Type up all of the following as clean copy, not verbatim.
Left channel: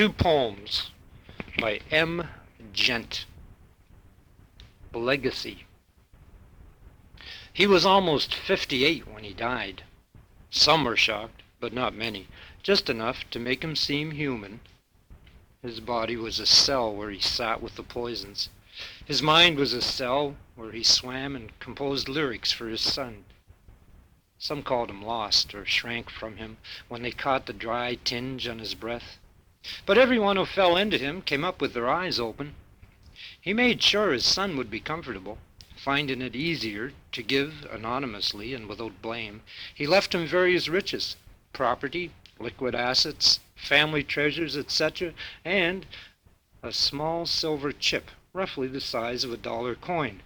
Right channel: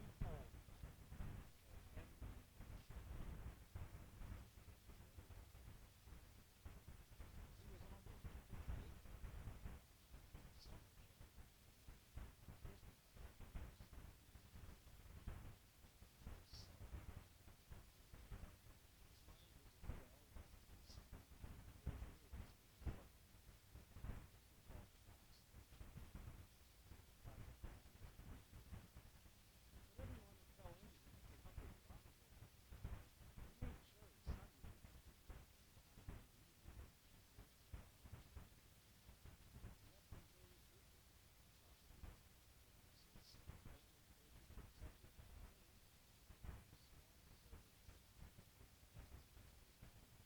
Two poems by M. Gent. Legacy. He was almost 58 when he died. Some were shocked, but not many, just enough to make him seem human. His body was a cell where he sat with the poisons. His mind was a cell where he swam and composed lyrics for his son. Some called him lost or shrank from him when they caught the dry tinge on his breath. But everyone who fell into him came up with their eyes open. He made sure his son would be comfortable, finding it easier to give anonymously and without blame. He left him various riches, property, liquid assets, family treasures, etc., and a small silver chip, roughly the size of a dollar coin,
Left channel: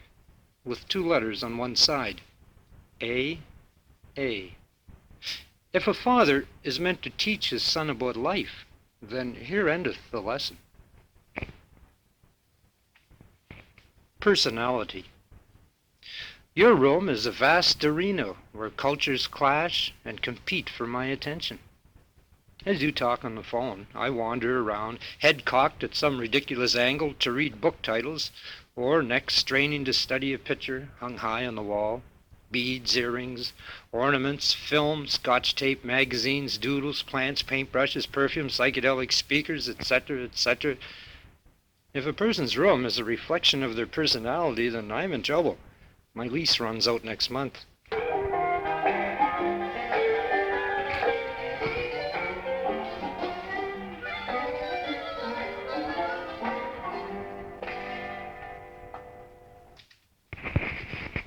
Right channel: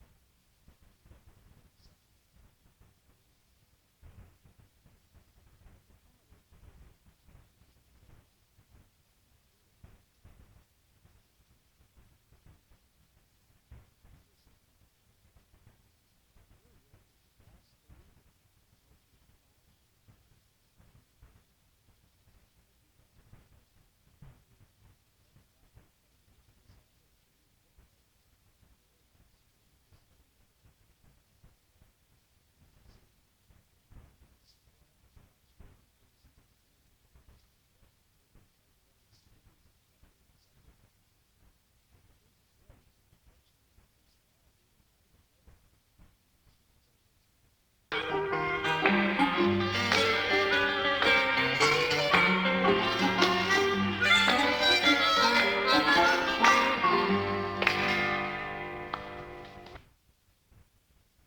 with two letters on one side, A. If a father is meant to teach his son about life, then here endeth the lesson. Personality. Your room is a vast arena where cultures clash and compete for my attention. As you talk on the phone, I wander around, head cocked at some ridiculous angle to read book titles, or neck straining to study a picture hung high on the wall. Beads, earrings, ornaments, film, scotch tape, magazines, doodles, plants, paintbrushes, perfumes, psychedelic speakers, etc., etc. If a person's room is a reflection of their personality, then I'm in trouble. My lease runs out next month.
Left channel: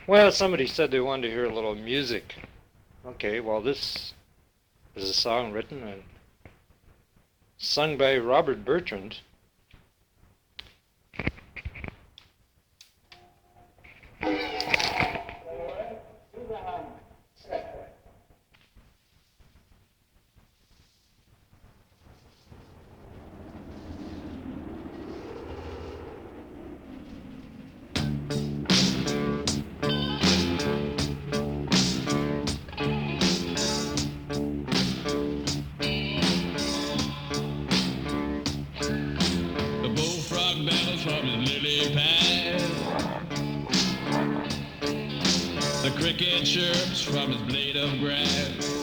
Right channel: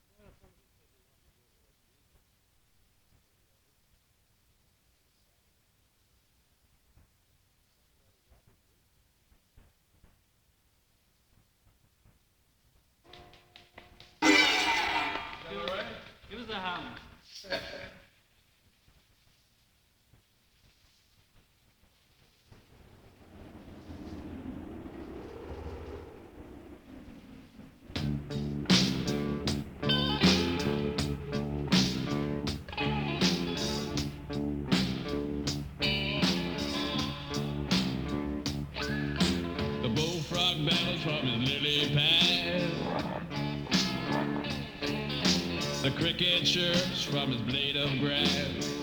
Well, somebody said they wanted to hear a little music. Okay, well, this is a song written and sung by Robert Bertrand. Use the ham. The cricket chirps from his blade of grass.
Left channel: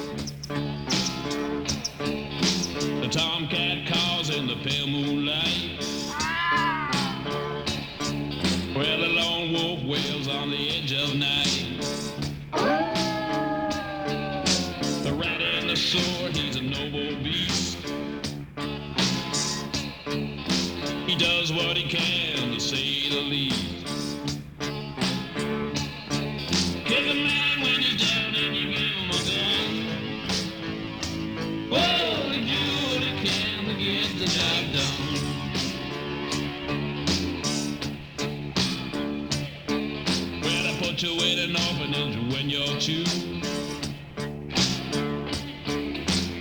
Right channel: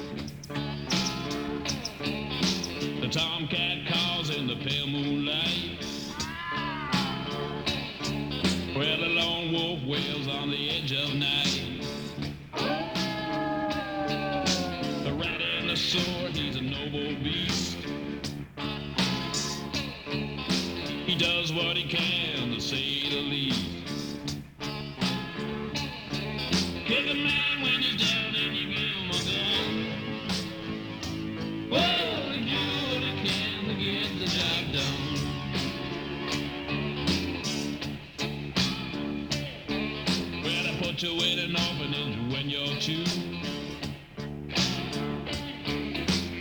The tomcat calls in the pale moonlight, where the lone wolf wails on the edge of night. The rat and the sword, he's a noble beast. He does what he can, to say the least. Kick a man when he's down and you give him a gun. Oh, he do what he can to get the job done. Well, they put you in an orphanage when you're two.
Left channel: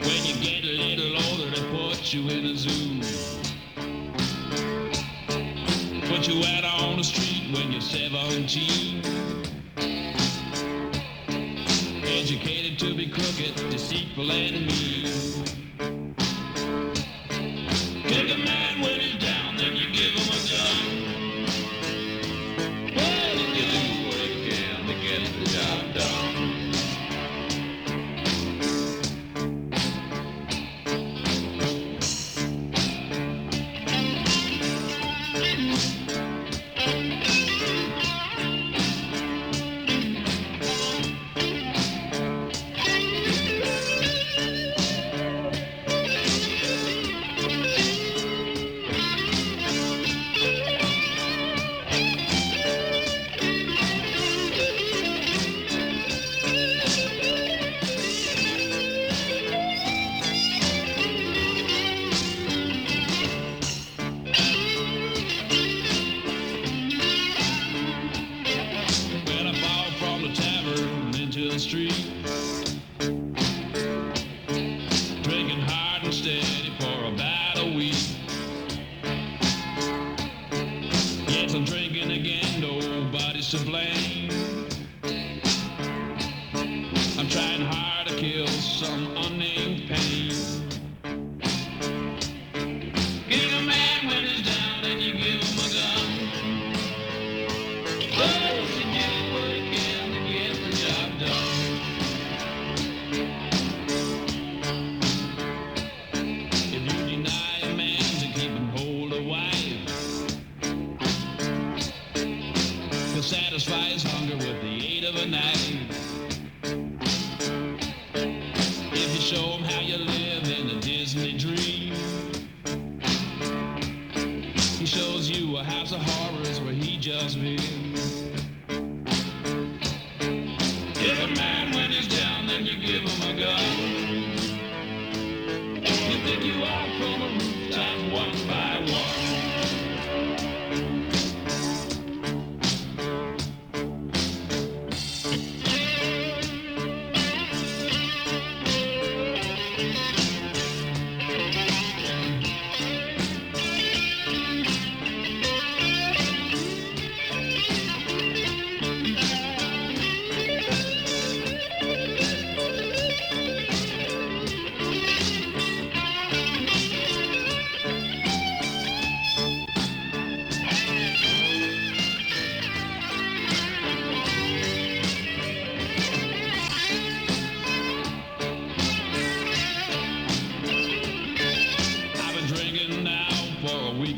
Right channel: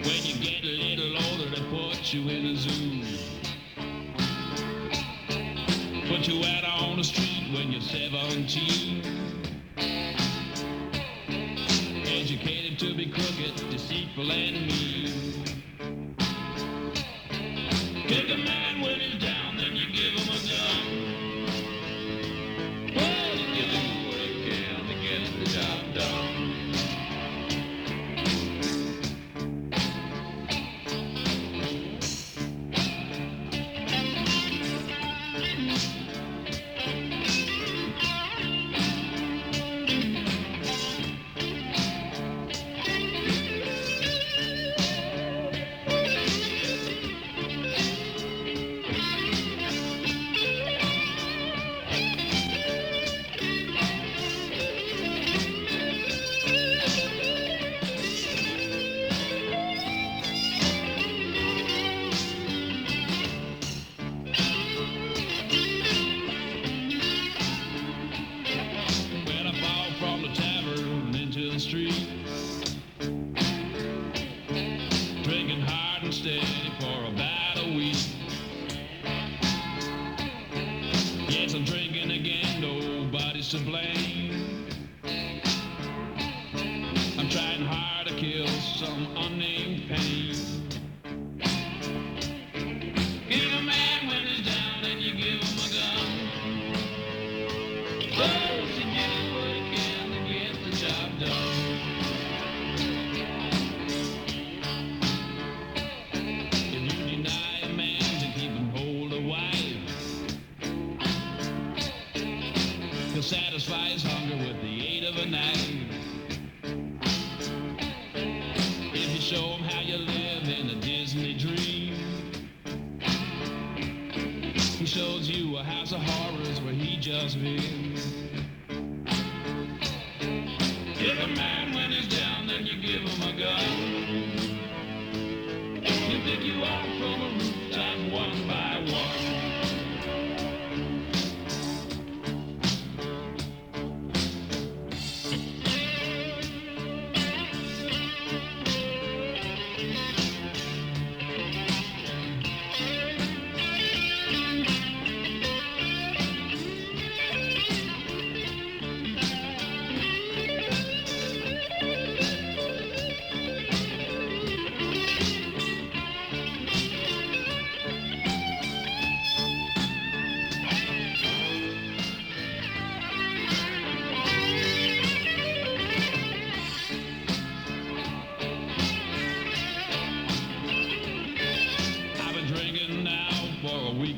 When you get a little older, they put you in a zoo. Put you out on the street when you're 17. Educated to be crooked, deceitful, and mean. Kick a man when he's down, then you give him a gun. Well, you do what you can to get the job done. Drinking hard and steady for about a week. Yes, I'm drinking again, nobody's to blame. I'm trying hard to kill some unnamed pain. the night. If you show him how you live in a Disney dream, he shows you a house of horrors where he just been. Give a man when he's down, then you give him a gun. You pick you up from the rooftop one by one.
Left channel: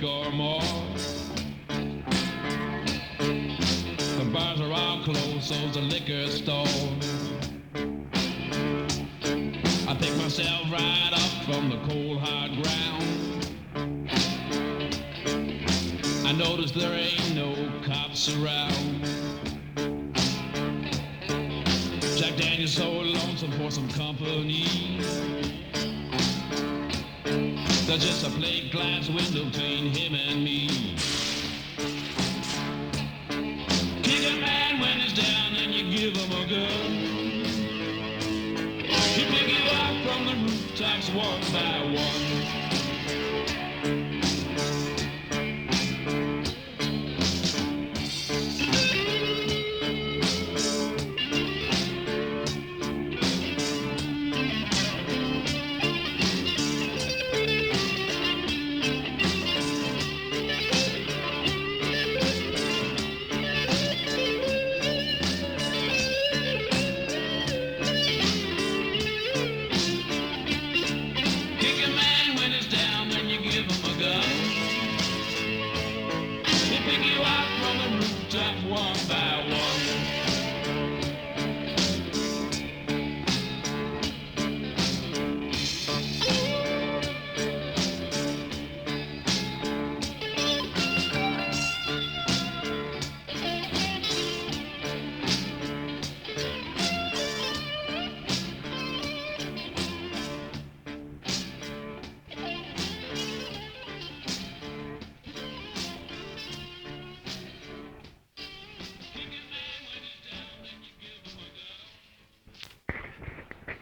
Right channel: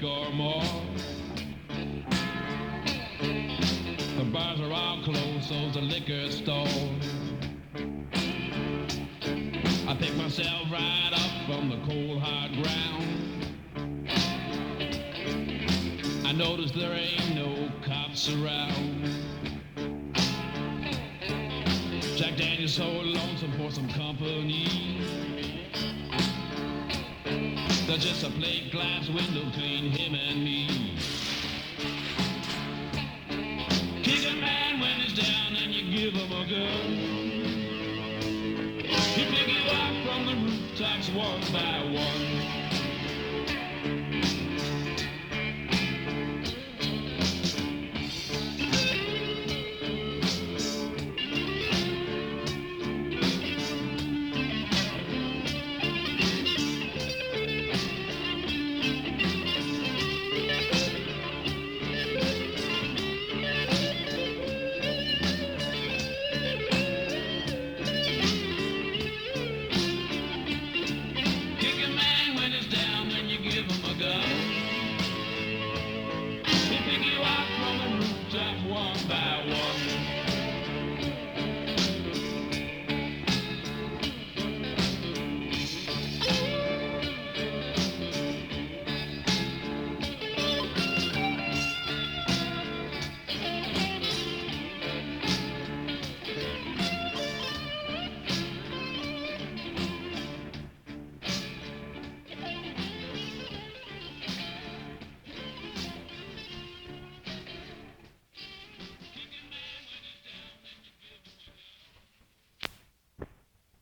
Or more. The bars are all closed, so's the liquor store. I pick myself right up from the cold hard ground. I notice there ain't no cops around. Jack Daniel's so lonesome for some company. There's just a plate glass window between him and me. Kick a man when he's down and you give him a gun. He pick you up from the rooftops one by one.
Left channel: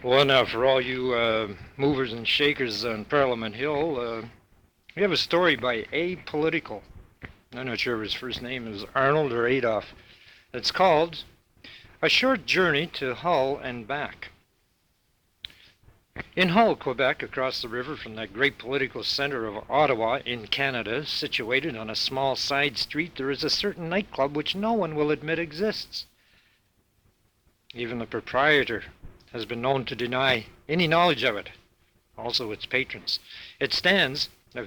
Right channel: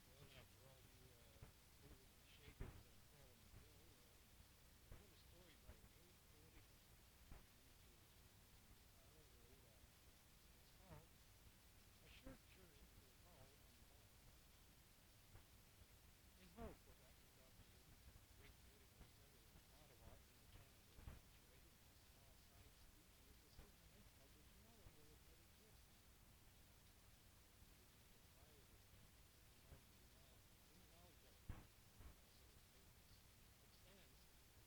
Well, now, for all you movers and shakers on Parliament Hill, we have a story by Apolitical. I'm not sure if his first name is Arnold or Adolf. It's called A Short Journey to Hull and Back. In Hull, Quebec, across the river from that great political center of Ottawa in Canada, situated on a small side street, there is a certain nightclub which no one will admit exists. Even the proprietor has been known to deny any knowledge of it, also its patrons. It stands, a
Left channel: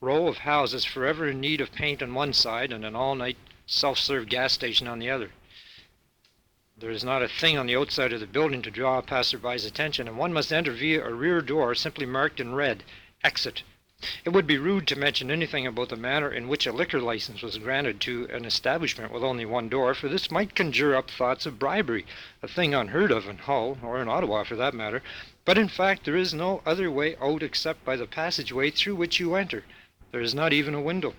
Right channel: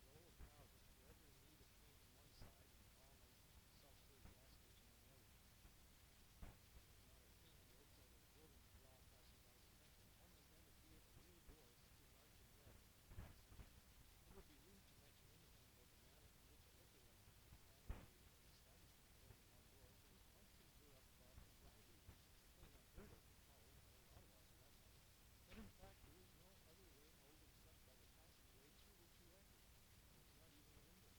row of houses forever in need of paint on one side and an all-night self-serve gas station on the other. There is not a thing on the outside of the building to draw a passerby's attention, and one must enter via a rear door simply marked in red, Exit. It would be rude to mention anything about the manner in which a liquor license was granted to an establishment with only one door, for this might conjure up thoughts of bribery, a thing unheard of in Hull, or in Ottawa for that matter. But in fact there is no other way out except by the passageway through which you enter. There is not even a window.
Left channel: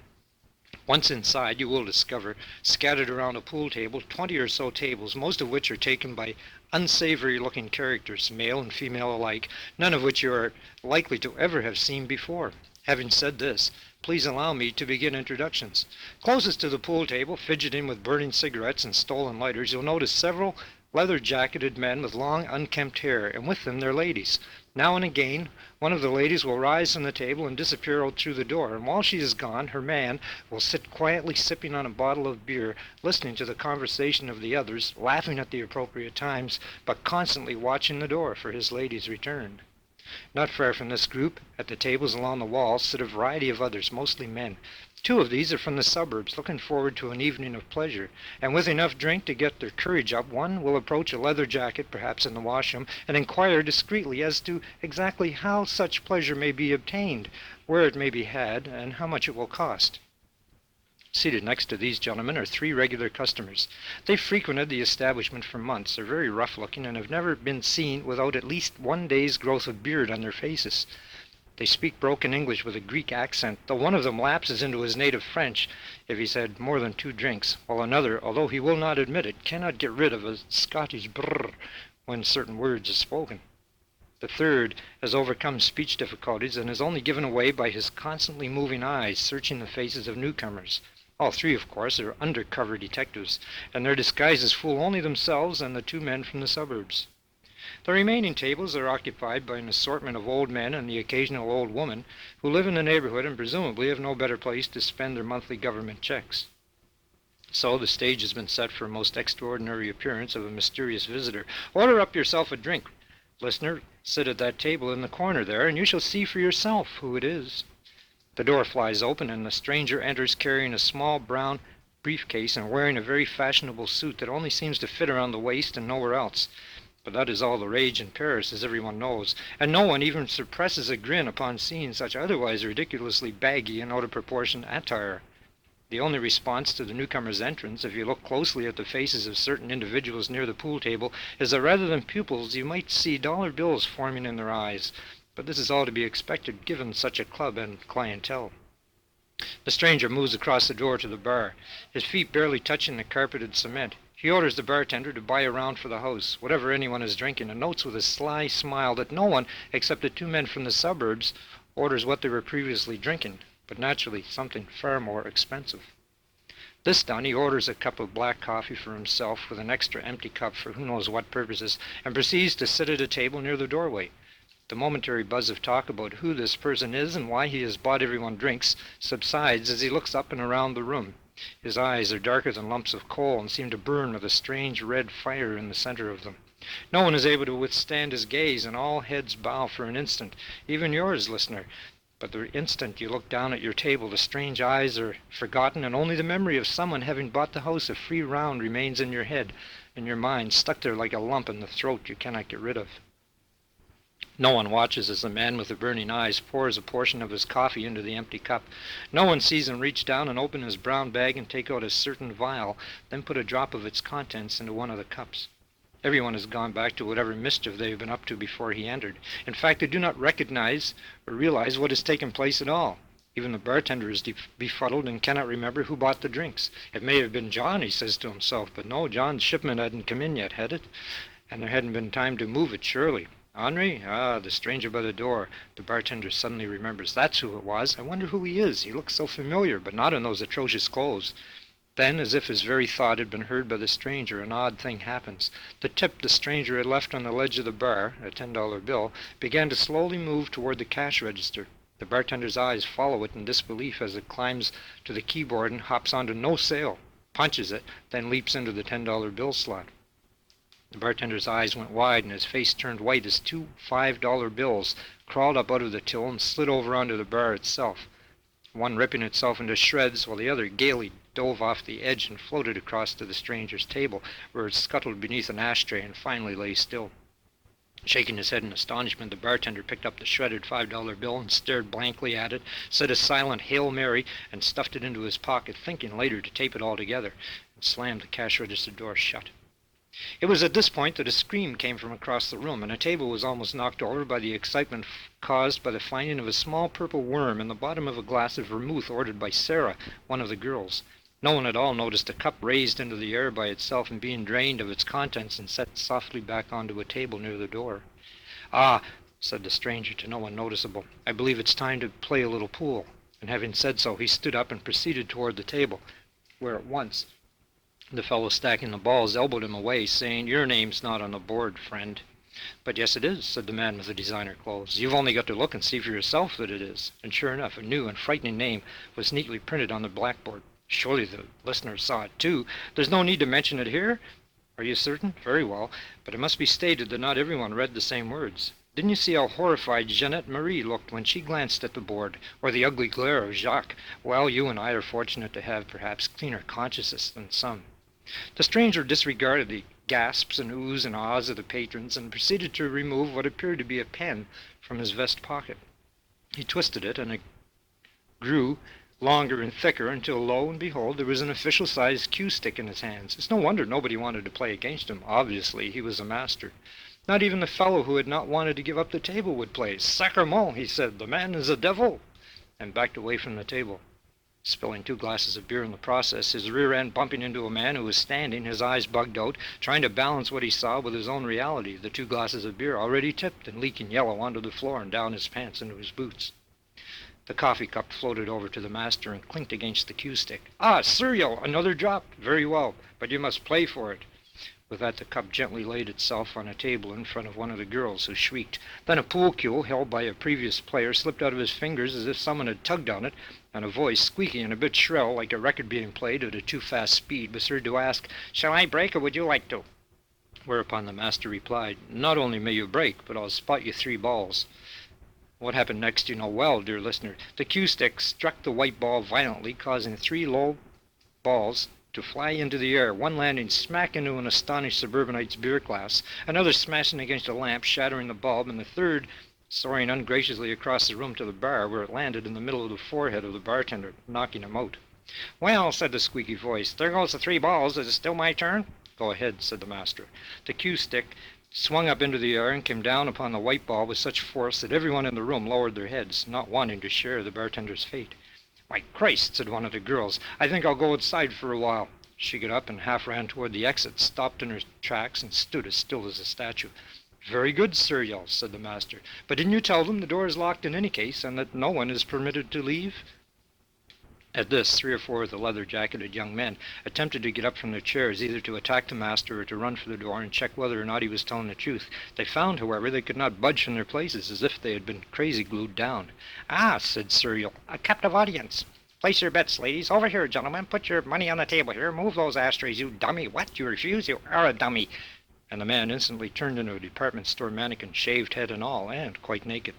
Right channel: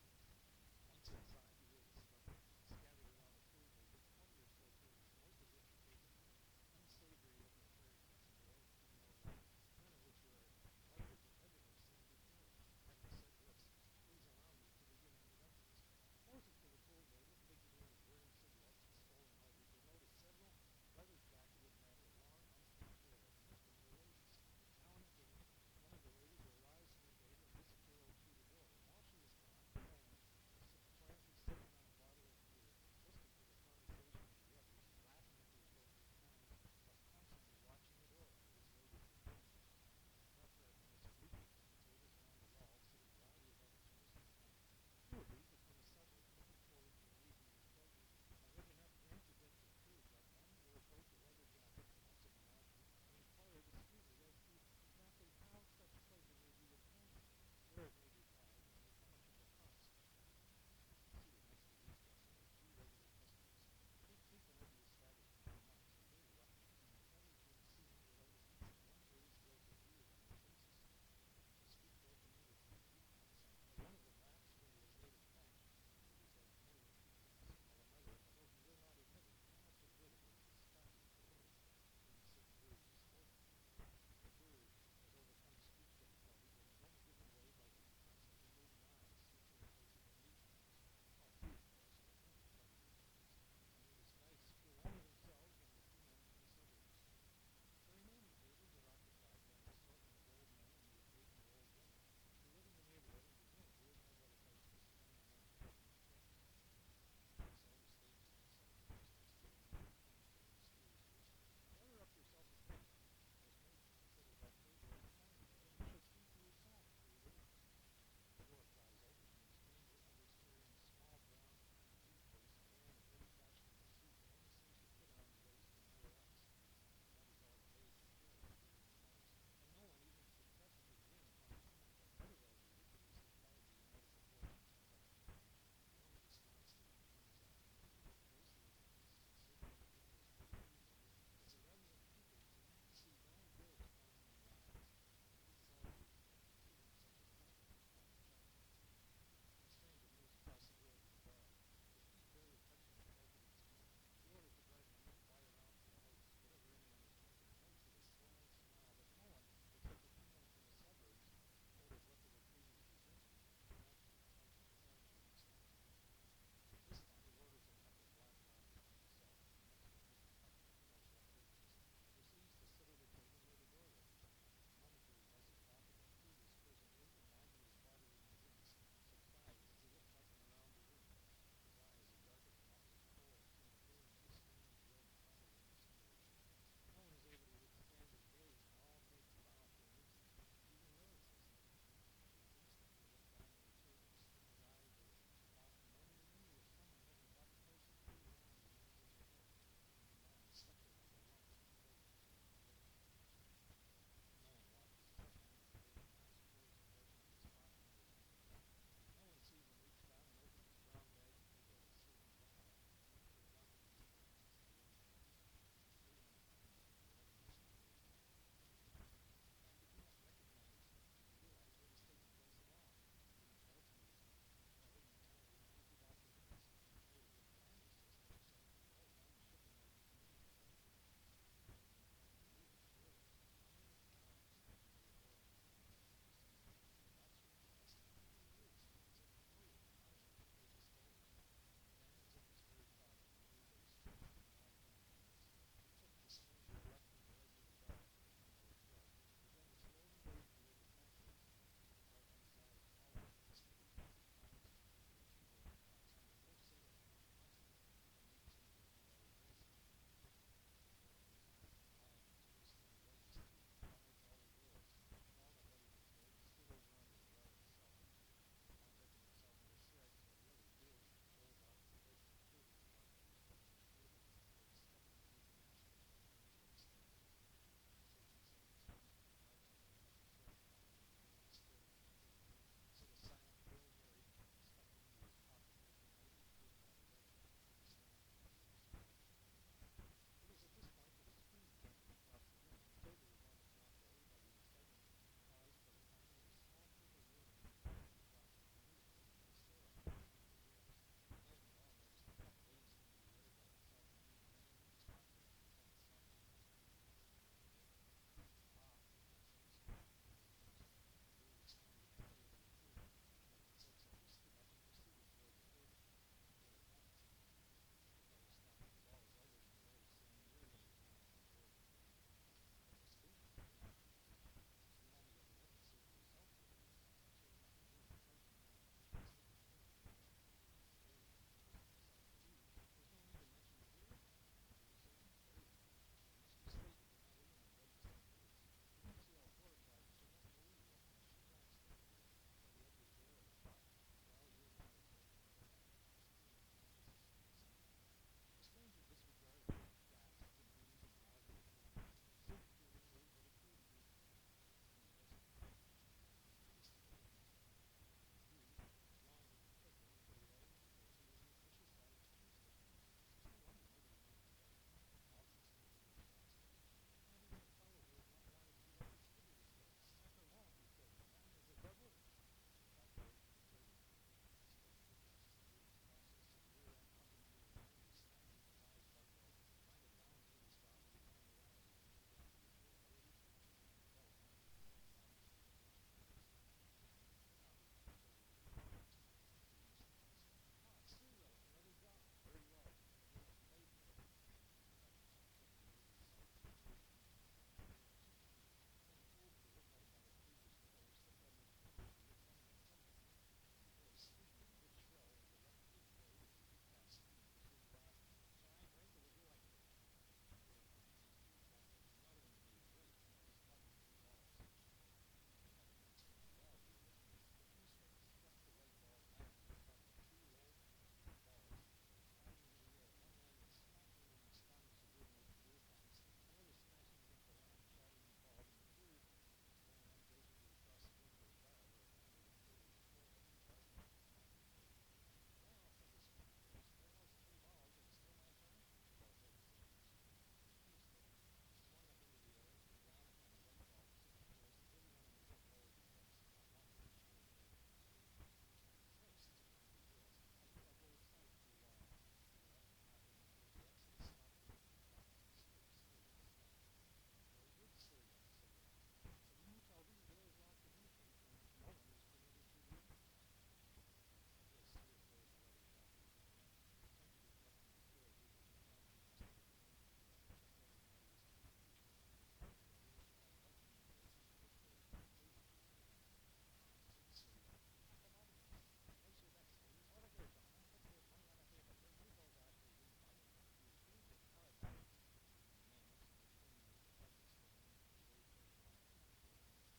Once inside, you will discover, scattered around a pool table, 20 or so tables, most of which are taken by unsavory-looking characters, male and female alike, none of which you are likely to ever have seen before. Having said this, please allow me to begin introductions. Closest to the pool table, fidgeting with burning cigarettes and stolen lighters, you'll notice several leather-jacketed men with long, unkempt hair, and with them their ladies. Now and again, one of the ladies will rise from the table and disappear out through the door, and while she is gone, her man will sit quietly sipping on a bottle of beer, listening to the conversation of the others, laughing at the appropriate times, but constantly watching the door for his lady's return. Not far from this group, at the tables along the wall, sit a variety of others, mostly men. Two of these are from the suburbs, looking forward to an evening of pleasure, and with enough drink to get their courage up, one will approach a leather jacket, perhaps in the washroom, and inquire discreetly as to exactly how such pleasure may be obtained, where it may be had, and how much it will cost. Seated next to these gentlemen are three regular customers. They've frequented the establishment for months, are very rough-looking, and have never been seen without at least one day's growth of beard on their faces. They speak broken English with a Greek accent, though one of them lapses into his native French if he's had more than 2 drinks, while another, although he will not admit it, cannot get rid of a Scottish brrr when certain words are spoken. The third has overcome speech difficulties and is only given away by his constantly moving eyes searching the faces of newcomers. All three, of course, are undercover detectives, and their disguises fool only themselves and the 2 men from the suburbs. The remaining tables are occupied by an assortment of old men and the occasional old woman who live in the neighborhood and presumably have no better place to spend their monthly government checks. So the stage has been set for a most extraordinary appearance of a mysterious visitor. Order up yourself a drink. Listener, sit at that table in the corner there, and you shall see for yourself who it is. The door flies open, and the stranger enters carrying a small brown briefcase and wearing a very fashionable suit that only seems to fit around the waist and nowhere else. But that is all the rage in Paris, as everyone knows, and no one even suppresses a grin upon seeing such otherwise ridiculously baggy and out of proportion attire. The only response to the newcomer's entrance, if you look closely at the faces of certain individuals near the pool table, is that rather than pupils you might see dollar bills forming in their eyes. But this is all to be expected given such a club and clientele. The stranger moves across the door to the bar, his feet barely touching the carpeted cement. He orders the bartender to buy a round for the house, whatever anyone is drinking, and notes with a sly smile that no one, except the 2 men from the suburbs, orders what they were previously drinking, but naturally something far more expensive. This done, he orders a cup of black coffee for himself with an extra empty cup for who knows what purposes, and proceeds to sit at a table near the doorway. The momentary buzz of talk about who this person is and why he has bought everyone drinks subsides as he looks up and around the room. His eyes are darker than lumps of coal and seem to burn with a strange red fire in the center of them. No one is able to withstand his gaze, and all heads bow for an instant, even yours, listener. But the instant you look down at your table, the strange eyes are forgotten, and only the memory of someone having bought the house a free round remains in your head, in your mind, stuck there like a lump in the throat you cannot get rid of. No one watches as the man with the burning eyes pours a portion of his coffee into the empty cup. No one sees him reach down and open his brown bag and take out a certain vial, then put a drop of its contents into one of the cups. Everyone has gone back to whatever mischief they have been up to before he entered. In fact, they do not recognize or realize what has taken place at all. Even the bartender is befuddled and cannot remember who bought the drinks. It may have been John, he says to himself, but no, John's shipment hadn't come in yet, had it? And there hadn't been time to move it, surely. Henri? Ah, the stranger by the door. The bartender suddenly remembers. That's who it was. I wonder who he is. He looks so familiar, but not in those atrocious clothes. Then, as if his very thought had been heard by the stranger, an odd thing happens. The tip the stranger had left on the ledge of the bar, a $10 bill, began to slowly move toward the cash register. The bartender's eyes follow it in disbelief as it climbs to the keyboard and hops onto no sale, punches it, then leaps into the $10 bill slot. The bartender's eyes went wide and his face turned white as 2 $5 bills crawled up out of the till and slid over onto the bar itself, one ripping itself into shreds while the other gaily dove off the edge and floated across to the stranger's table, where it scuttled beneath an ashtray and finally lay still. Shaking his head in astonishment, the bartender picked up the shredded $5 bill and stared blankly at it, said a silent Hail Mary, and stuffed it into his pocket, thinking later to tape it all together, and slammed the cash register door shut. It was at this point that a scream came from across the room, and a table was almost knocked over by the excitement caused by the finding of a small purple worm in the bottom of a glass of vermouth ordered by Sarah, one of the girls. No one at all noticed a cup raised into the air by itself and being drained of its contents and set softly back onto a table near the door. "Ah," said the stranger to no one noticeable, "I believe it's time to play a little pool." And having said so, he stood up and proceeded toward the table, where at once the fellow stacking the balls elbowed him away, saying, "Your name's not on the board, friend." "But yes, it is," said the man with the designer clothes. "You've only got to look and see for yourself that it is." And sure enough, a new and frightening name was neatly printed on the blackboard. Surely the listener saw it too. There's no need to mention it here. Are you certain? Very well. But it must be stated that not everyone read the same words. Didn't you see how horrified Jeanette Marie looked when she glanced at the board, or the ugly glare of Jacques? Well, you and I are fortunate to have perhaps cleaner consciences than some. The stranger disregarded the gasps and oohs and ahs of the patrons and proceeded to remove what appeared to be a pen from his vest pocket. He twisted it, and it grew longer and thicker until, lo and behold, there was an official-sized cue stick in his hands. It's no wonder nobody wanted to play against him. Obviously, he was a master. Not even the fellow who had not wanted to give up the table would play. Sacrement, he said, the man is a devil, and backed away from the table, spilling 2 glasses of beer in the process, his rear end bumping into a man who was standing, his eyes bugged out, trying to balance what he saw with his own reality, the 2 glasses of beer already tipped and leaking yellow onto the floor and down his pants into his boots. The coffee cup floated over to the master and clinked against the cue stick. Ah, cereal! Another drop! Very well, but you must play for it. With that, the cup gently laid itself on a table in front of one of the girls, who shrieked. Then a pool cue held by a previous player slipped out of his fingers as if someone had tugged on it, and a voice, squeaky and a bit shrill, like a record being played at a too fast speed, was heard to ask, "Shall I break, or would you like to?" Whereupon the master replied, "Not only may you break, but I'll spot you 3 balls." What happened next you know well, dear listener. The cue stick struck the white ball violently, causing 3 low balls to fly into the air, one landing smack into an astonished suburbanite's beer glass, another smashing against a lamp, shattering the bulb, and the third soaring ungraciously across the room to the bar, where it landed in the middle of the forehead of the bartender, knocking him out. "Well," said the squeaky voice, "there goes the 3 balls. Is it still my turn?" "Go ahead," said the master. The cue stick swung up into the air and came down upon the white ball with such force that everyone in the room lowered their heads, not wanting to share the bartender's fate. "Why, Christ," said one of the girls, "I think I'll go outside for a while." She got up and half ran toward the exit, stopped in her tracks, and stood as still as a statue. "Very good, cereal," said the master. "But didn't you tell them the door is locked in any case, and that no one is permitted to leave?" At this, 3 or 4 of the leather-jacketed young men attempted to get up from their chairs, either to attack the master or to run for the door and check whether or not he was telling the truth. They found, however, they could not budge from their places, as if they had been crazy glued down. "Ah," said Cereal, "a captive audience. Place your bets, ladies. Over here, gentlemen. Put your money on the table here. Move those ashtrays, you dummy. What? You refuse? You are a dummy." And the man instantly turned into a department store mannequin, shaved head and all, and quite naked.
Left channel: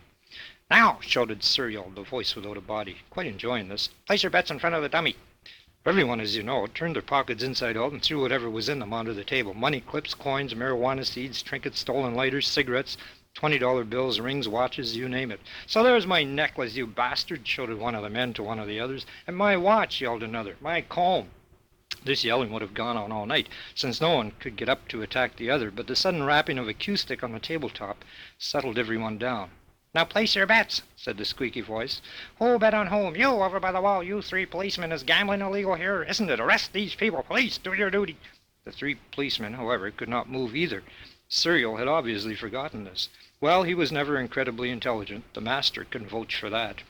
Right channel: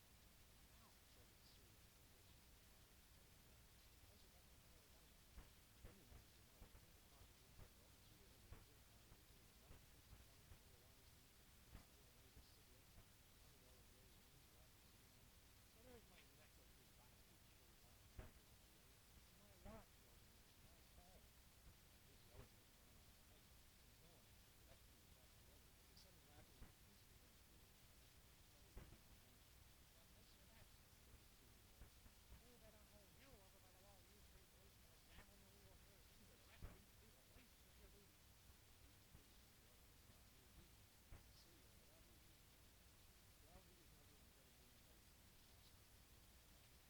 "Now," shouted Cereal, the voice without a body, quite enjoying this, "place your bets in front of the dummy." Everyone, as you know, turned their pockets inside out and threw whatever was in them onto the table. Money, clips, coins, marijuana seeds, trinkets, stolen lighters, cigarettes, $20 bills, rings, watches, you name it. "So there's my necklace, you bastard," shouted one of the men to one of the others. "And my watch," yelled another. "My comb." This yelling would have gone on all night, since no one could get up to attack the other, but the sudden rapping of a cue stick on the tabletop settled everyone down. "Now place your bets," said the squeaky voice. "Who'll bet on whom? You over by the wall, you 3 policemen. Is gambling illegal here? Isn't it? Arrest these people. Police, do your duty." The 3 policemen, however, could not move either. Cereal had obviously forgotten this. Well, he was never incredibly intelligent. The master couldn't vouch for that.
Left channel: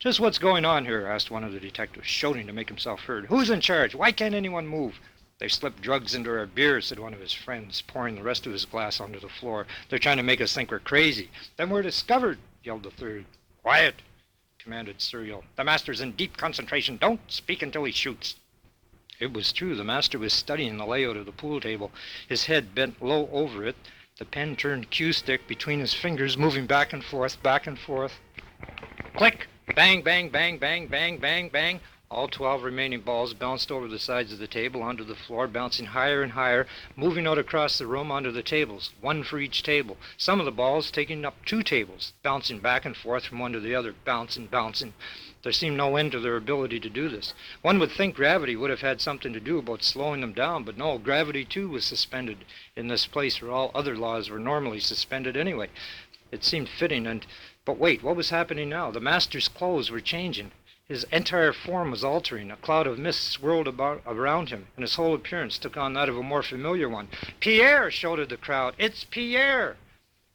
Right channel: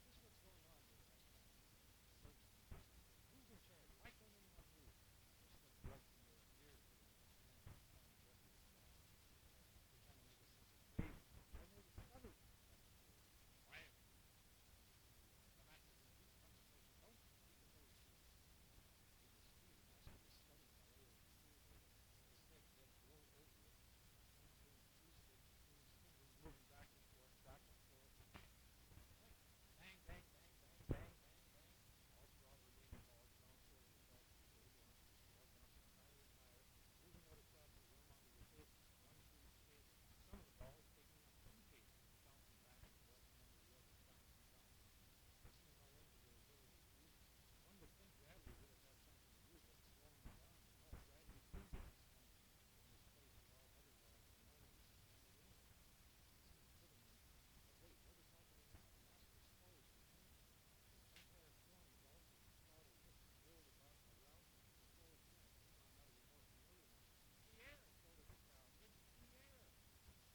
"Just what's going on here?" asked one of the detectives, shouting to make himself heard. "Who's in charge? Why can't anyone move?" "They've slipped drugs into our beer," said one of his friends, pouring the rest of his glass onto the floor. "They're trying to make us think we're crazy." "Then we're discovered," yelled the third. "Quiet," commanded Cereal. "The master's in deep concentration. Don't speak until he shoots." It was true. The master was studying the layout of the pool table, his head bent low over it, the pen-turned cue stick between his fingers, moving back and forth, back and forth. Click! Bang, bang, bang, bang, bang, bang, bang. All 12 remaining balls bounced over the sides of the table onto the floor, bouncing higher and higher, moving out across the room onto the tables, 1 for each table. Some of the balls taking up 2 tables, bouncing back and forth from one to the other, bouncing, bouncing. There seemed no end to their ability to do this. One would think gravity would have had something to do about slowing them down, but no, gravity too was suspended in this place where all other laws were normally suspended anyway. It seemed fitting, but wait, what was happening now? The master's clothes were changing. His entire form was altering. A cloud of mist swirled around him, and his whole appearance took on that of a more familiar one. "Pierre!" shouted the crowd. "It's Pierre!"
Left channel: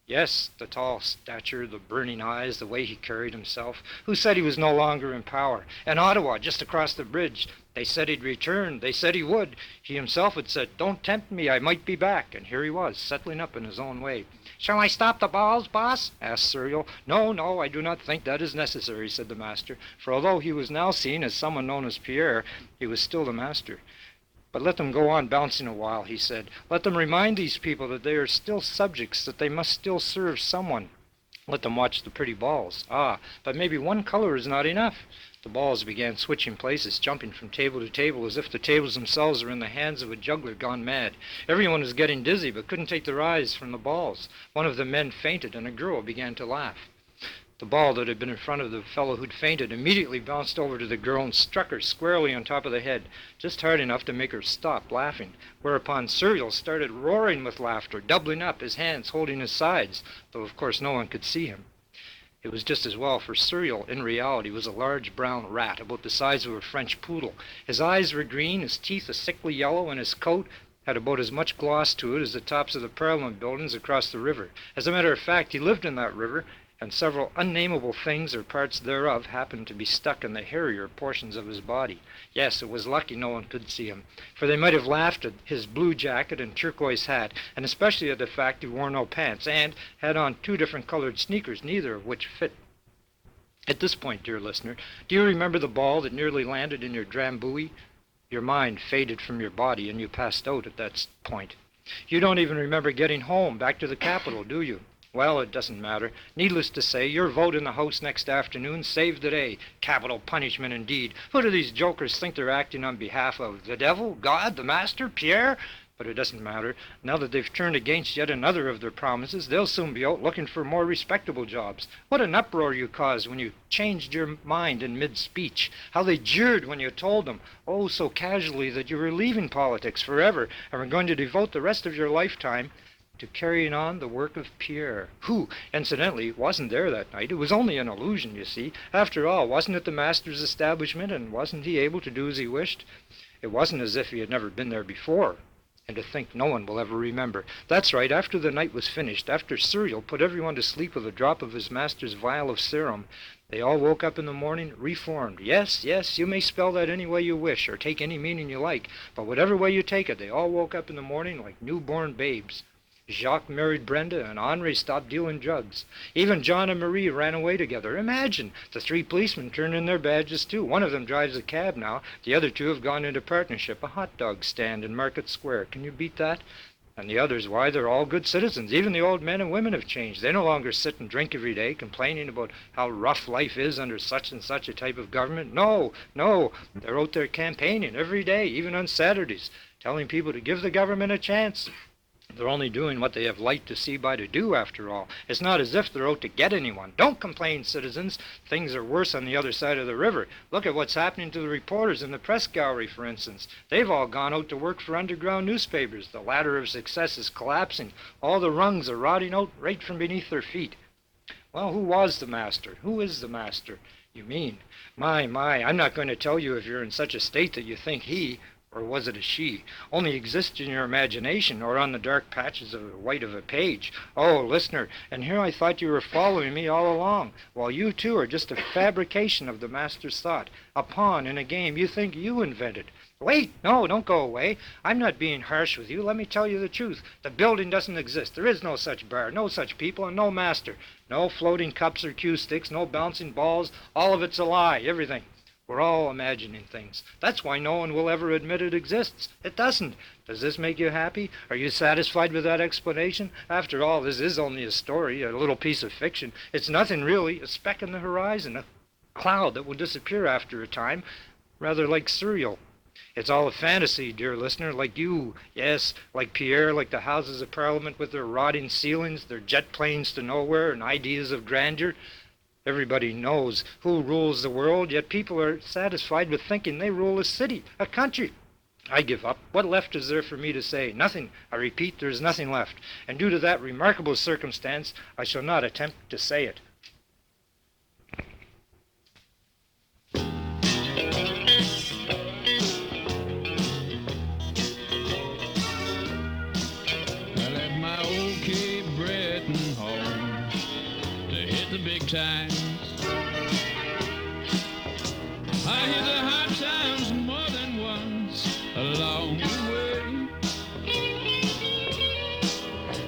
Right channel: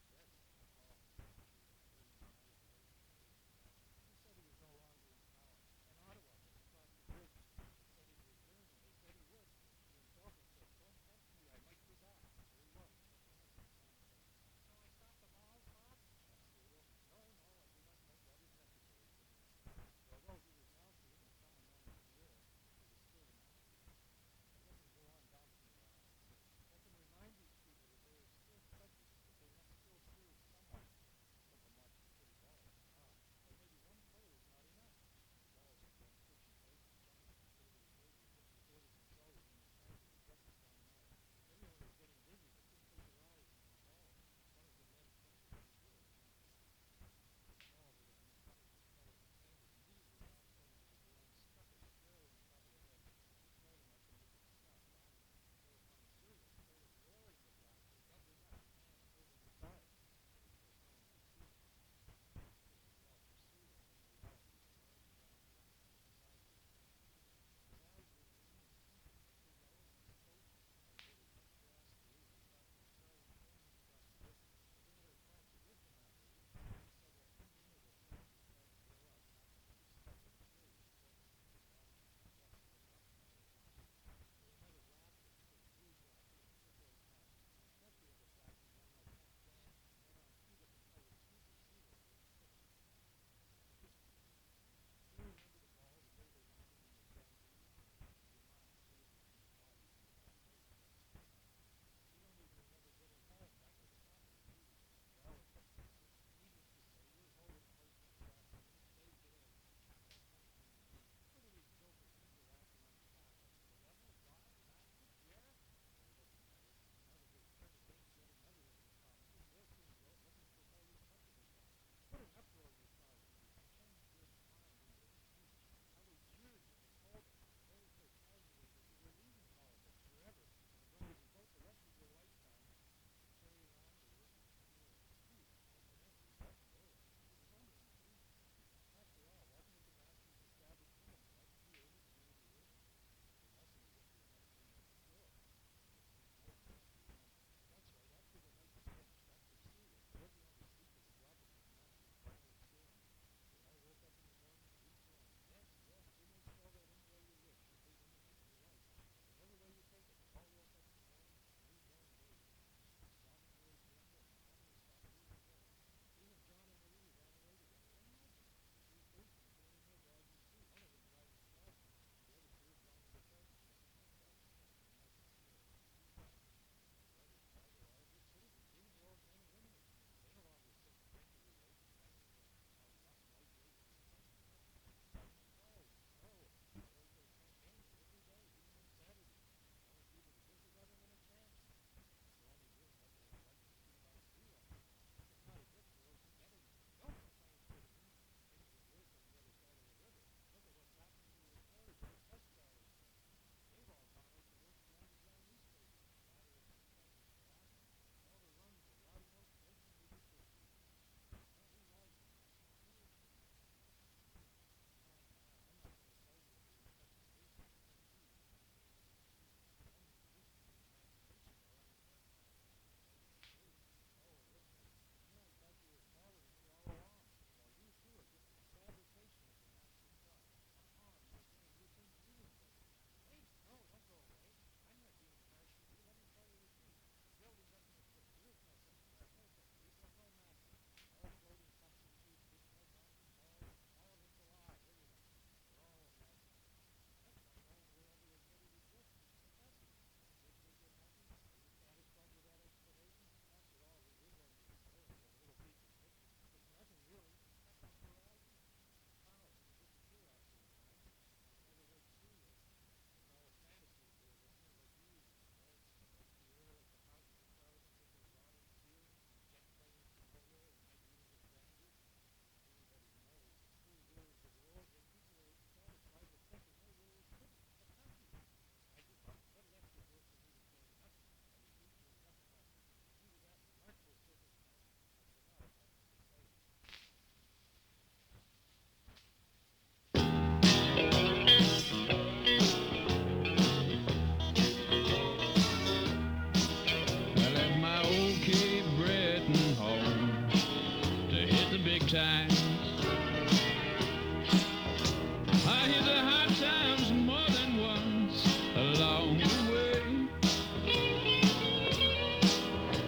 Yes, the tall stature, the burning eyes, the way he carried himself. Who said he was no longer in power? And Ottawa, just across the bridge. They said he'd return. They said he would. He himself had said, "Don't tempt me, I might be back." And here he was, settling up in his own way. "Shall I stop the balls, boss?" asked Cereal. No, I do not think that is necessary," said the master, for although he was now seen as someone known as Pierre, he was still the master. "But let them go on bouncing a while," he said. "Let them remind these people that they are still subjects, that they must still serve someone." Let them watch the pretty balls. Ah, but maybe one color is not enough. The balls began switching places, jumping from table to table as if the tables themselves were in the hands of a juggler gone mad. Everyone was getting dizzy but couldn't take their eyes from the balls. One of the men fainted and a girl began to laugh. The ball that had been in front of the fellow who'd fainted immediately bounced over to the girl and struck her squarely on top of the head, just hard enough to make her stop laughing, whereupon Serial started roaring with laughter, doubling up, his hands holding his sides, though of course no one could see him. It was just as well, for Serial, in reality, was a large brown rat, about the size of a French poodle. His eyes were green, his teeth a sickly yellow, and his coat had about as much gloss to it as the tops of the Parliament buildings across the river. As a matter of fact, he lived in that river, and several unnameable things or parts thereof happened to be stuck in the hairier portions of his body. Yes, it was lucky no one could see him, for they might have laughed at his blue jacket and turquoise hat, and especially at the fact he wore no pants, and had on 2 different colored sneakers, neither of which fit. At this point, dear listener, do you remember the ball that nearly landed in your drambuie? Your mind faded from your body, and you passed out at that point. You don't even remember getting home, back to the capital, do you? Well, it doesn't matter. Needless to say, your vote in the House next afternoon saved the day. Capital punishment indeed. Who do these jokers think they're acting on behalf of? The devil? God? The master? Pierre? But it doesn't matter. Now that they've turned against yet another of their promises, they'll soon be out looking for more respectable jobs. What an uproar you caused when you changed your mind in mid-speech. How they jeered when you told them, oh, so casually, that you were leaving politics forever and were going to devote the rest of your lifetime to carrying on the work of Pierre, who, incidentally, wasn't there that night. It was only an illusion, you see. After all, wasn't it the master's establishment, and wasn't he able to do as he wished? It wasn't as if he had never been there before. And to think no one will ever remember. That's right, after the night was finished, after Serial put everyone to sleep with a drop of his master's vial of serum, they all woke up in the morning reformed. Yes, yes, you may spell that any way you wish, or take any meaning you like, but whatever way you take it, they all woke up in the morning like newborn babes. Jacques married Brenda, and Henri stopped dealing drugs. Even John and Marie ran away together. Imagine! The 3 policemen turned in their badges, too. One of them drives a cab now. The other 2 have gone into partnership, a hot dog stand in Market Square. Can you beat that? And the others, why, they're all good citizens. Even the old men and women have changed. They no longer sit and drink every day, complaining about how rough life is under such and such a type of government. No, no, they're out there campaigning every day, even on Saturdays, telling people to give the government a chance. They're only doing what they have light to see by to do, after all. It's not as if they're out to get anyone. Don't complain, citizens. Things are worse on the other side of the river. Look at what's happening to the reporters in the press gallery, for instance. They've all gone out to work for underground newspapers. The ladder of success is collapsing. All the rungs are rotting out right from beneath their feet. Well, who was the master? Who is the master, you mean? My, I'm not going to tell you if you're in such a state that you think he, or was it a she, only exists in your imagination or on the dark patches of the white of a page. Oh, listener, and here I thought you were following me all along, while you too are just a fabrication of the master's thought, a pawn in a game you think you invented. Wait, no, don't go away. I'm not being harsh with you. Let me tell you the truth. The building doesn't exist. There is no such bar, no such people, and no master. No floating cups or cue sticks, no bouncing balls. All of it's a lie, everything. We're all imagining things. That's why no one will ever admit it exists. It doesn't. Does this make you happy? Are you satisfied with that explanation? After all, this is only a story, a little piece of fiction. It's nothing really, a speck in the horizon, a cloud that will disappear after a time, rather like Serial. It's all a fantasy, dear listener, like you. Yes, like Pierre, like the Houses of Parliament with their rotting ceilings, their jet planes to nowhere, and ideas of grandeur. Everybody knows who rules the world, yet people are satisfied with thinking they rule a city, a country. I give up. What left is there for me to say? Nothing. I repeat, there is nothing left. And due to that remarkable circumstance, I shall not attempt to say it. I left my old Cape Breton home to hit the big time. I hit the hot times more than once along the way.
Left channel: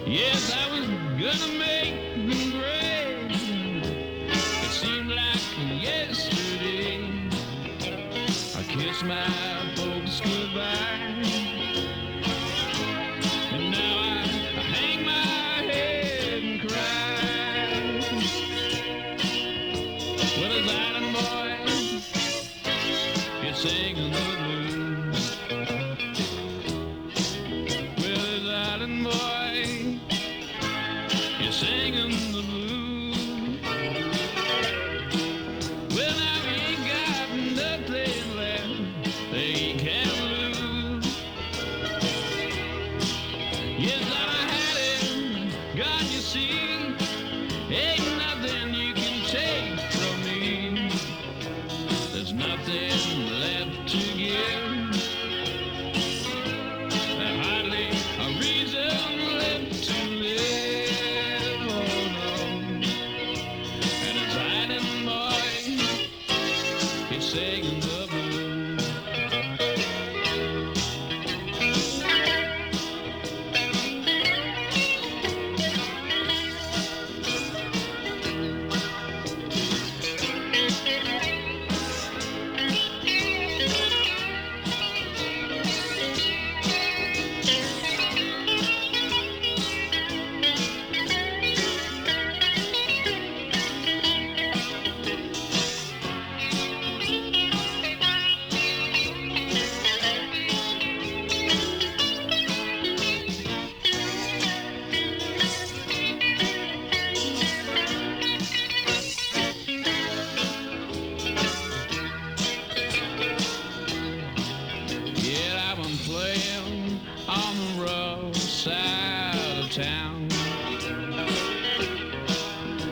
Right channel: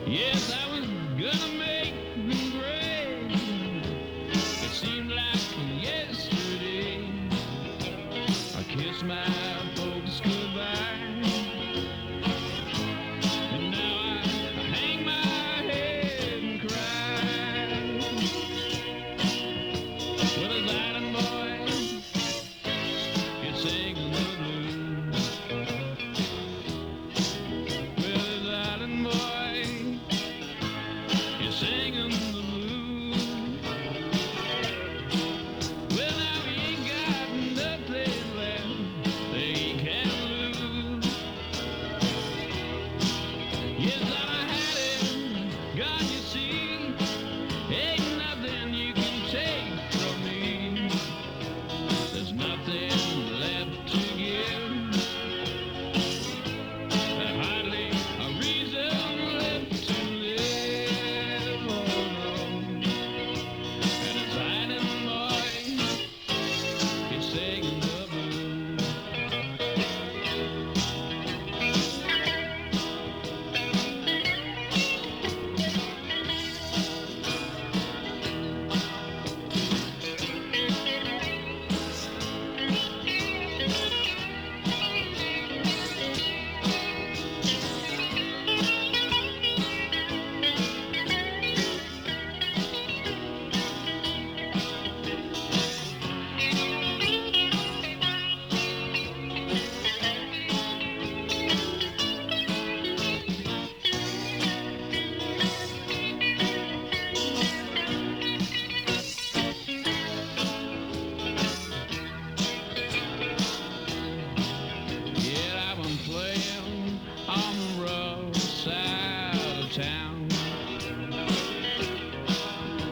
Yes, I was gonna make them great. It seemed like yesterday I kissed my folks goodbye. And now I hang my head and cry. gone, you see. Ain't nothing you can take from me. There's nothing left to give. There's hardly a reason left to live. Oh no. And it's hiding boy, he's singing the blues. Yeah, I've been playing on the rough side of town.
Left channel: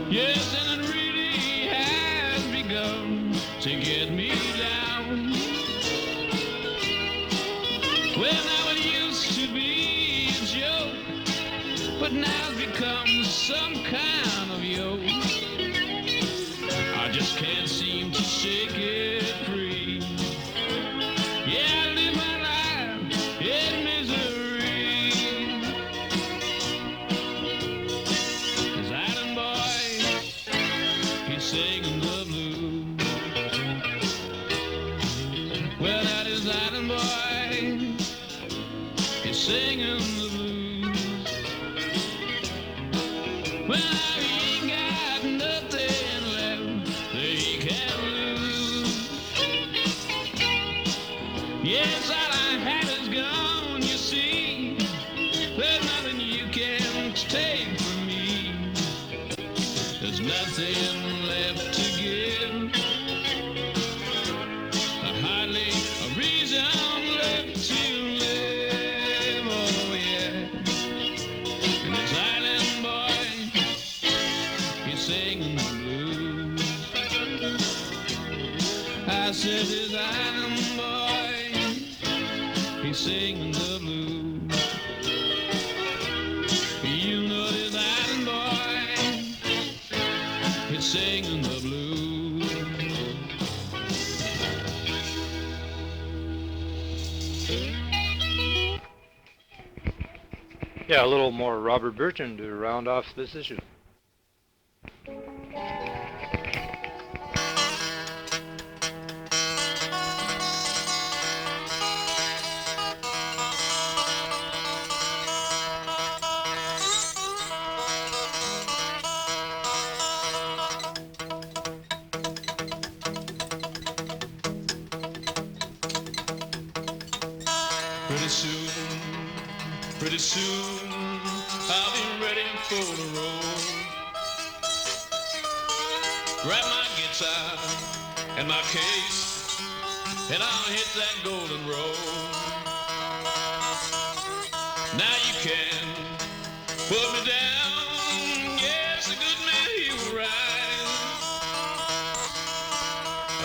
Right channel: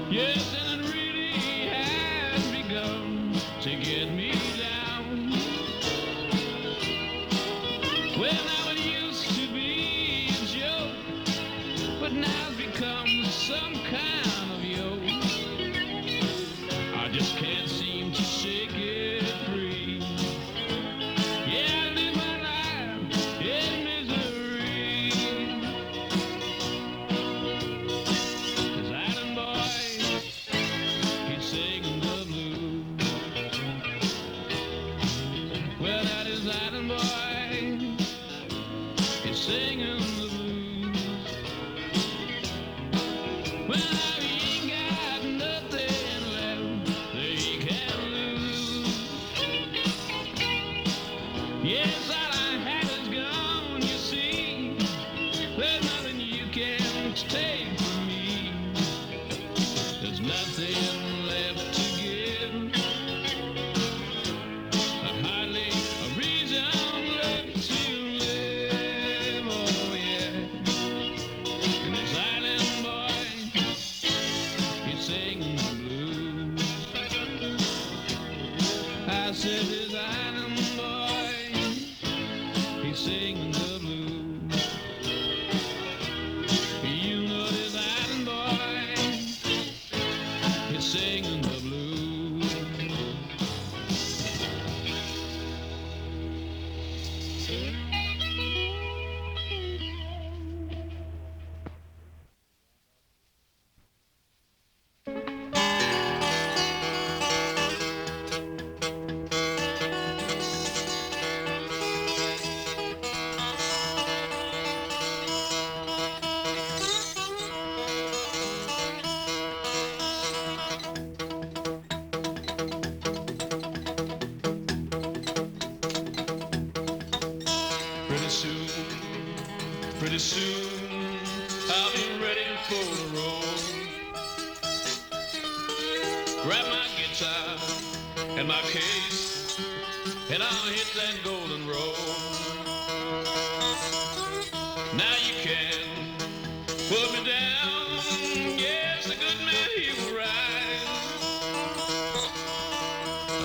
Yes, and it really has begun to get me down. Well, now it used to be a joke, but now it's become some kind of yoke. I just can't seem to shake it free. Yeah, I live my life in misery. This island boy, he's singing the blues. Well, that is island boy, he's singing the blues. Well, now he ain't got nothing left that he can lose. Yes, all I had is gone, you see. There's nothing you can take from me. There's nothing left to give. Hardly a reason left to live. Oh yeah. And this island boy, he's singing the blues. I said this island boy, he's singing the blues. You know this island boy, he's singing the blues. Yeah, a little more Robert Burton to round off this issue. Pretty soon, I'll be ready for the road. Grab my guitar and my case, and I'll hit that golden road. Now you can put me down, yes, a good man he will rise.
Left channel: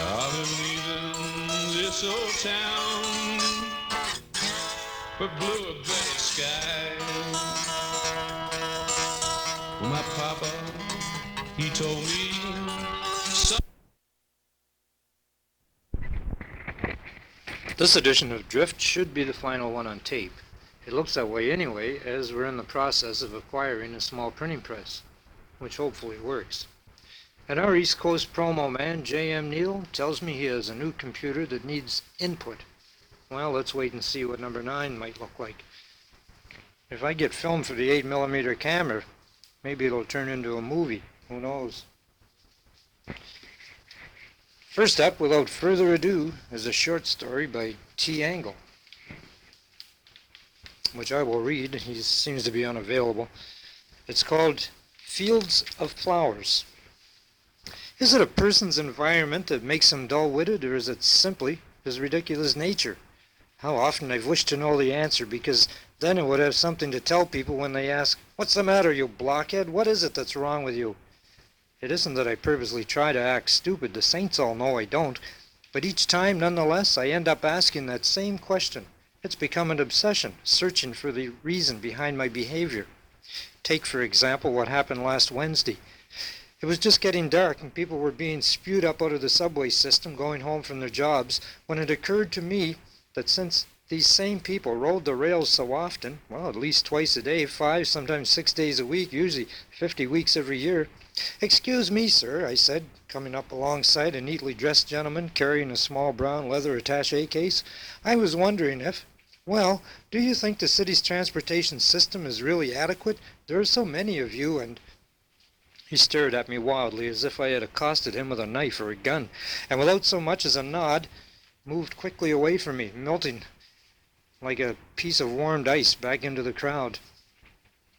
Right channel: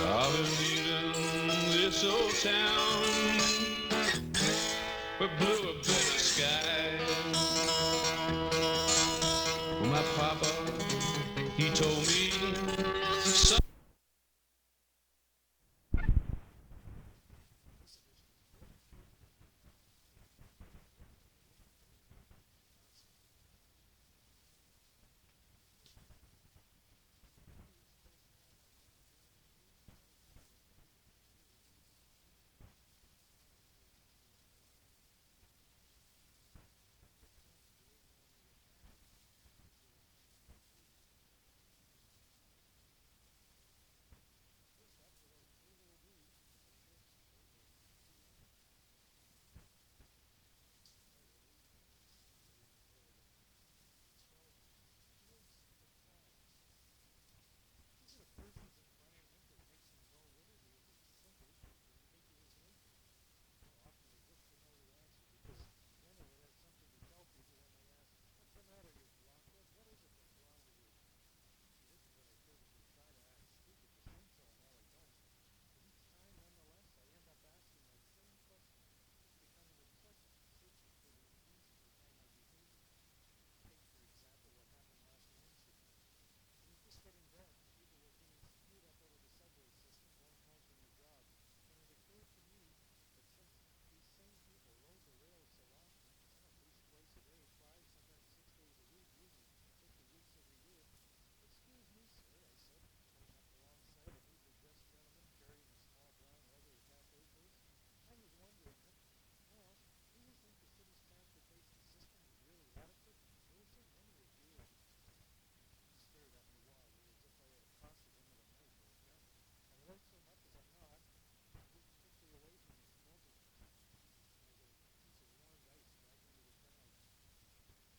I've been leaving this old town for bluer, better skies. Well, my papa, he told me, son. This edition of Drift should be the final one on tape. It looks that way anyway, as we're in the process of acquiring a small printing press, which hopefully works. And our East Coast promo man, J.M. Neal, tells me he has a new computer that needs input. Well, let's wait and see what number 9 might look like. If I get film for the 8mm camera, maybe it'll turn into a movie. Who knows? First up, without further ado, is a short story by T. Angle, which I will read. He seems to be unavailable. It's called Fields of Flowers. Is it a person's environment that makes him dull-witted, or is it simply his ridiculous nature? How often I've wished to know the answer, because then it would have something to tell people when they ask, "What's the matter, you blockhead? What is it that's wrong with you?" It isn't that I purposely try to act stupid. The saints all know I don't. But each time, nonetheless, I end up asking that same question. It's become an obsession, searching for the reason behind my behavior. Take, for example, what happened last Wednesday. It was just getting dark and people were being spewed up out of the subway system going home from their jobs when it occurred to me that since these same people rode the rails so often, well, at least twice a day, 5, sometimes 6 days a week, usually 50 weeks every year. "Excuse me, sir," I said, coming up alongside a neatly dressed gentleman carrying a small brown leather attaché case. "I was wondering if, well, do you think the city's transportation system is really adequate? There are so many of you and—" He stared at me wildly as if I had accosted him with a knife or a gun, and without so much as a nod, moved quickly away from me, melting like a piece of warmed ice back into the crowd.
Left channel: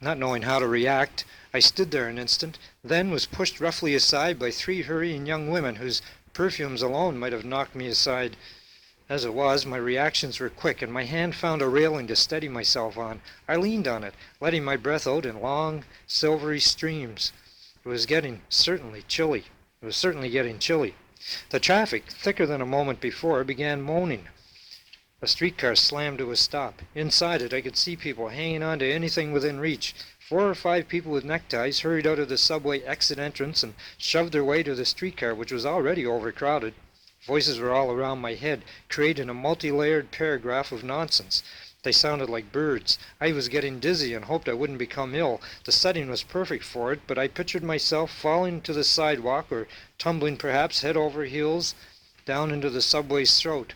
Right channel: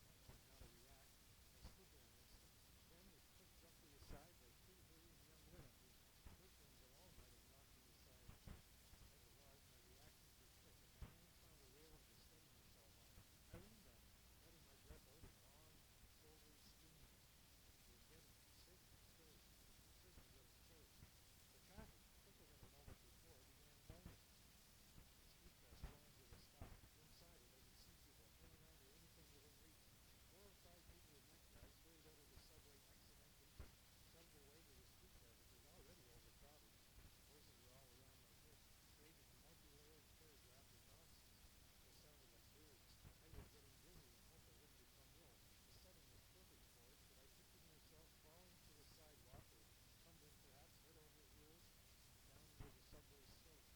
Not knowing how to react, I stood there an instant, then was pushed roughly aside by 3 hurrying young women whose perfumes alone might have knocked me aside. As it was, my reactions were quick, and my hand found a railing to steady myself on. I leaned on it, letting my breath out in long, silvery streams. It was certainly getting chilly. The traffic, thicker than a moment before, began moaning. A streetcar slammed to a stop. Inside it, I could see people hanging on to anything within reach. 4 or 5 people with neckties hurried out of the subway exit entrance and shoved their way to the streetcar, which was already overcrowded. Voices were all around my head, creating a multi-layered paragraph of nonsense. They sounded like birds. I was getting dizzy and hoped I wouldn't become ill. The setting was perfect for it, but I pictured myself falling to the sidewalk or tumbling perhaps head over heels down into the subway's throat.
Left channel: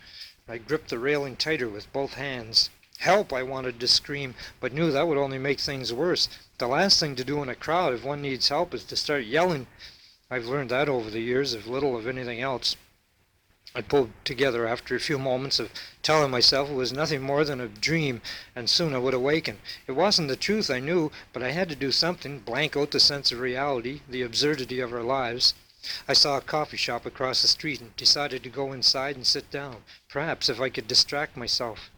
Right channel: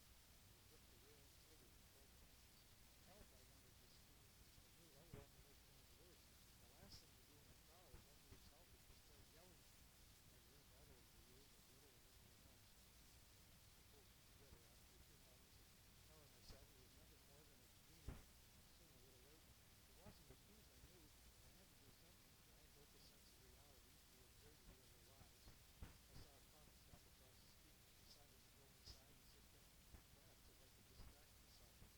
I gripped the railing tighter with both hands. "Help!" I wanted to scream, but knew that would only make things worse. The last thing to do in a crowd if one needs help is to start yelling. I've learned that over the years, if little of anything else. I pulled together after a few moments of telling myself it was nothing more than a dream, and soon I would awaken. It wasn't the truth, I knew, but I had to do something, blank out the sense of reality, the absurdity of our lives. I saw a coffee shop across the street and decided to go inside and sit down, perhaps if I could distract myself.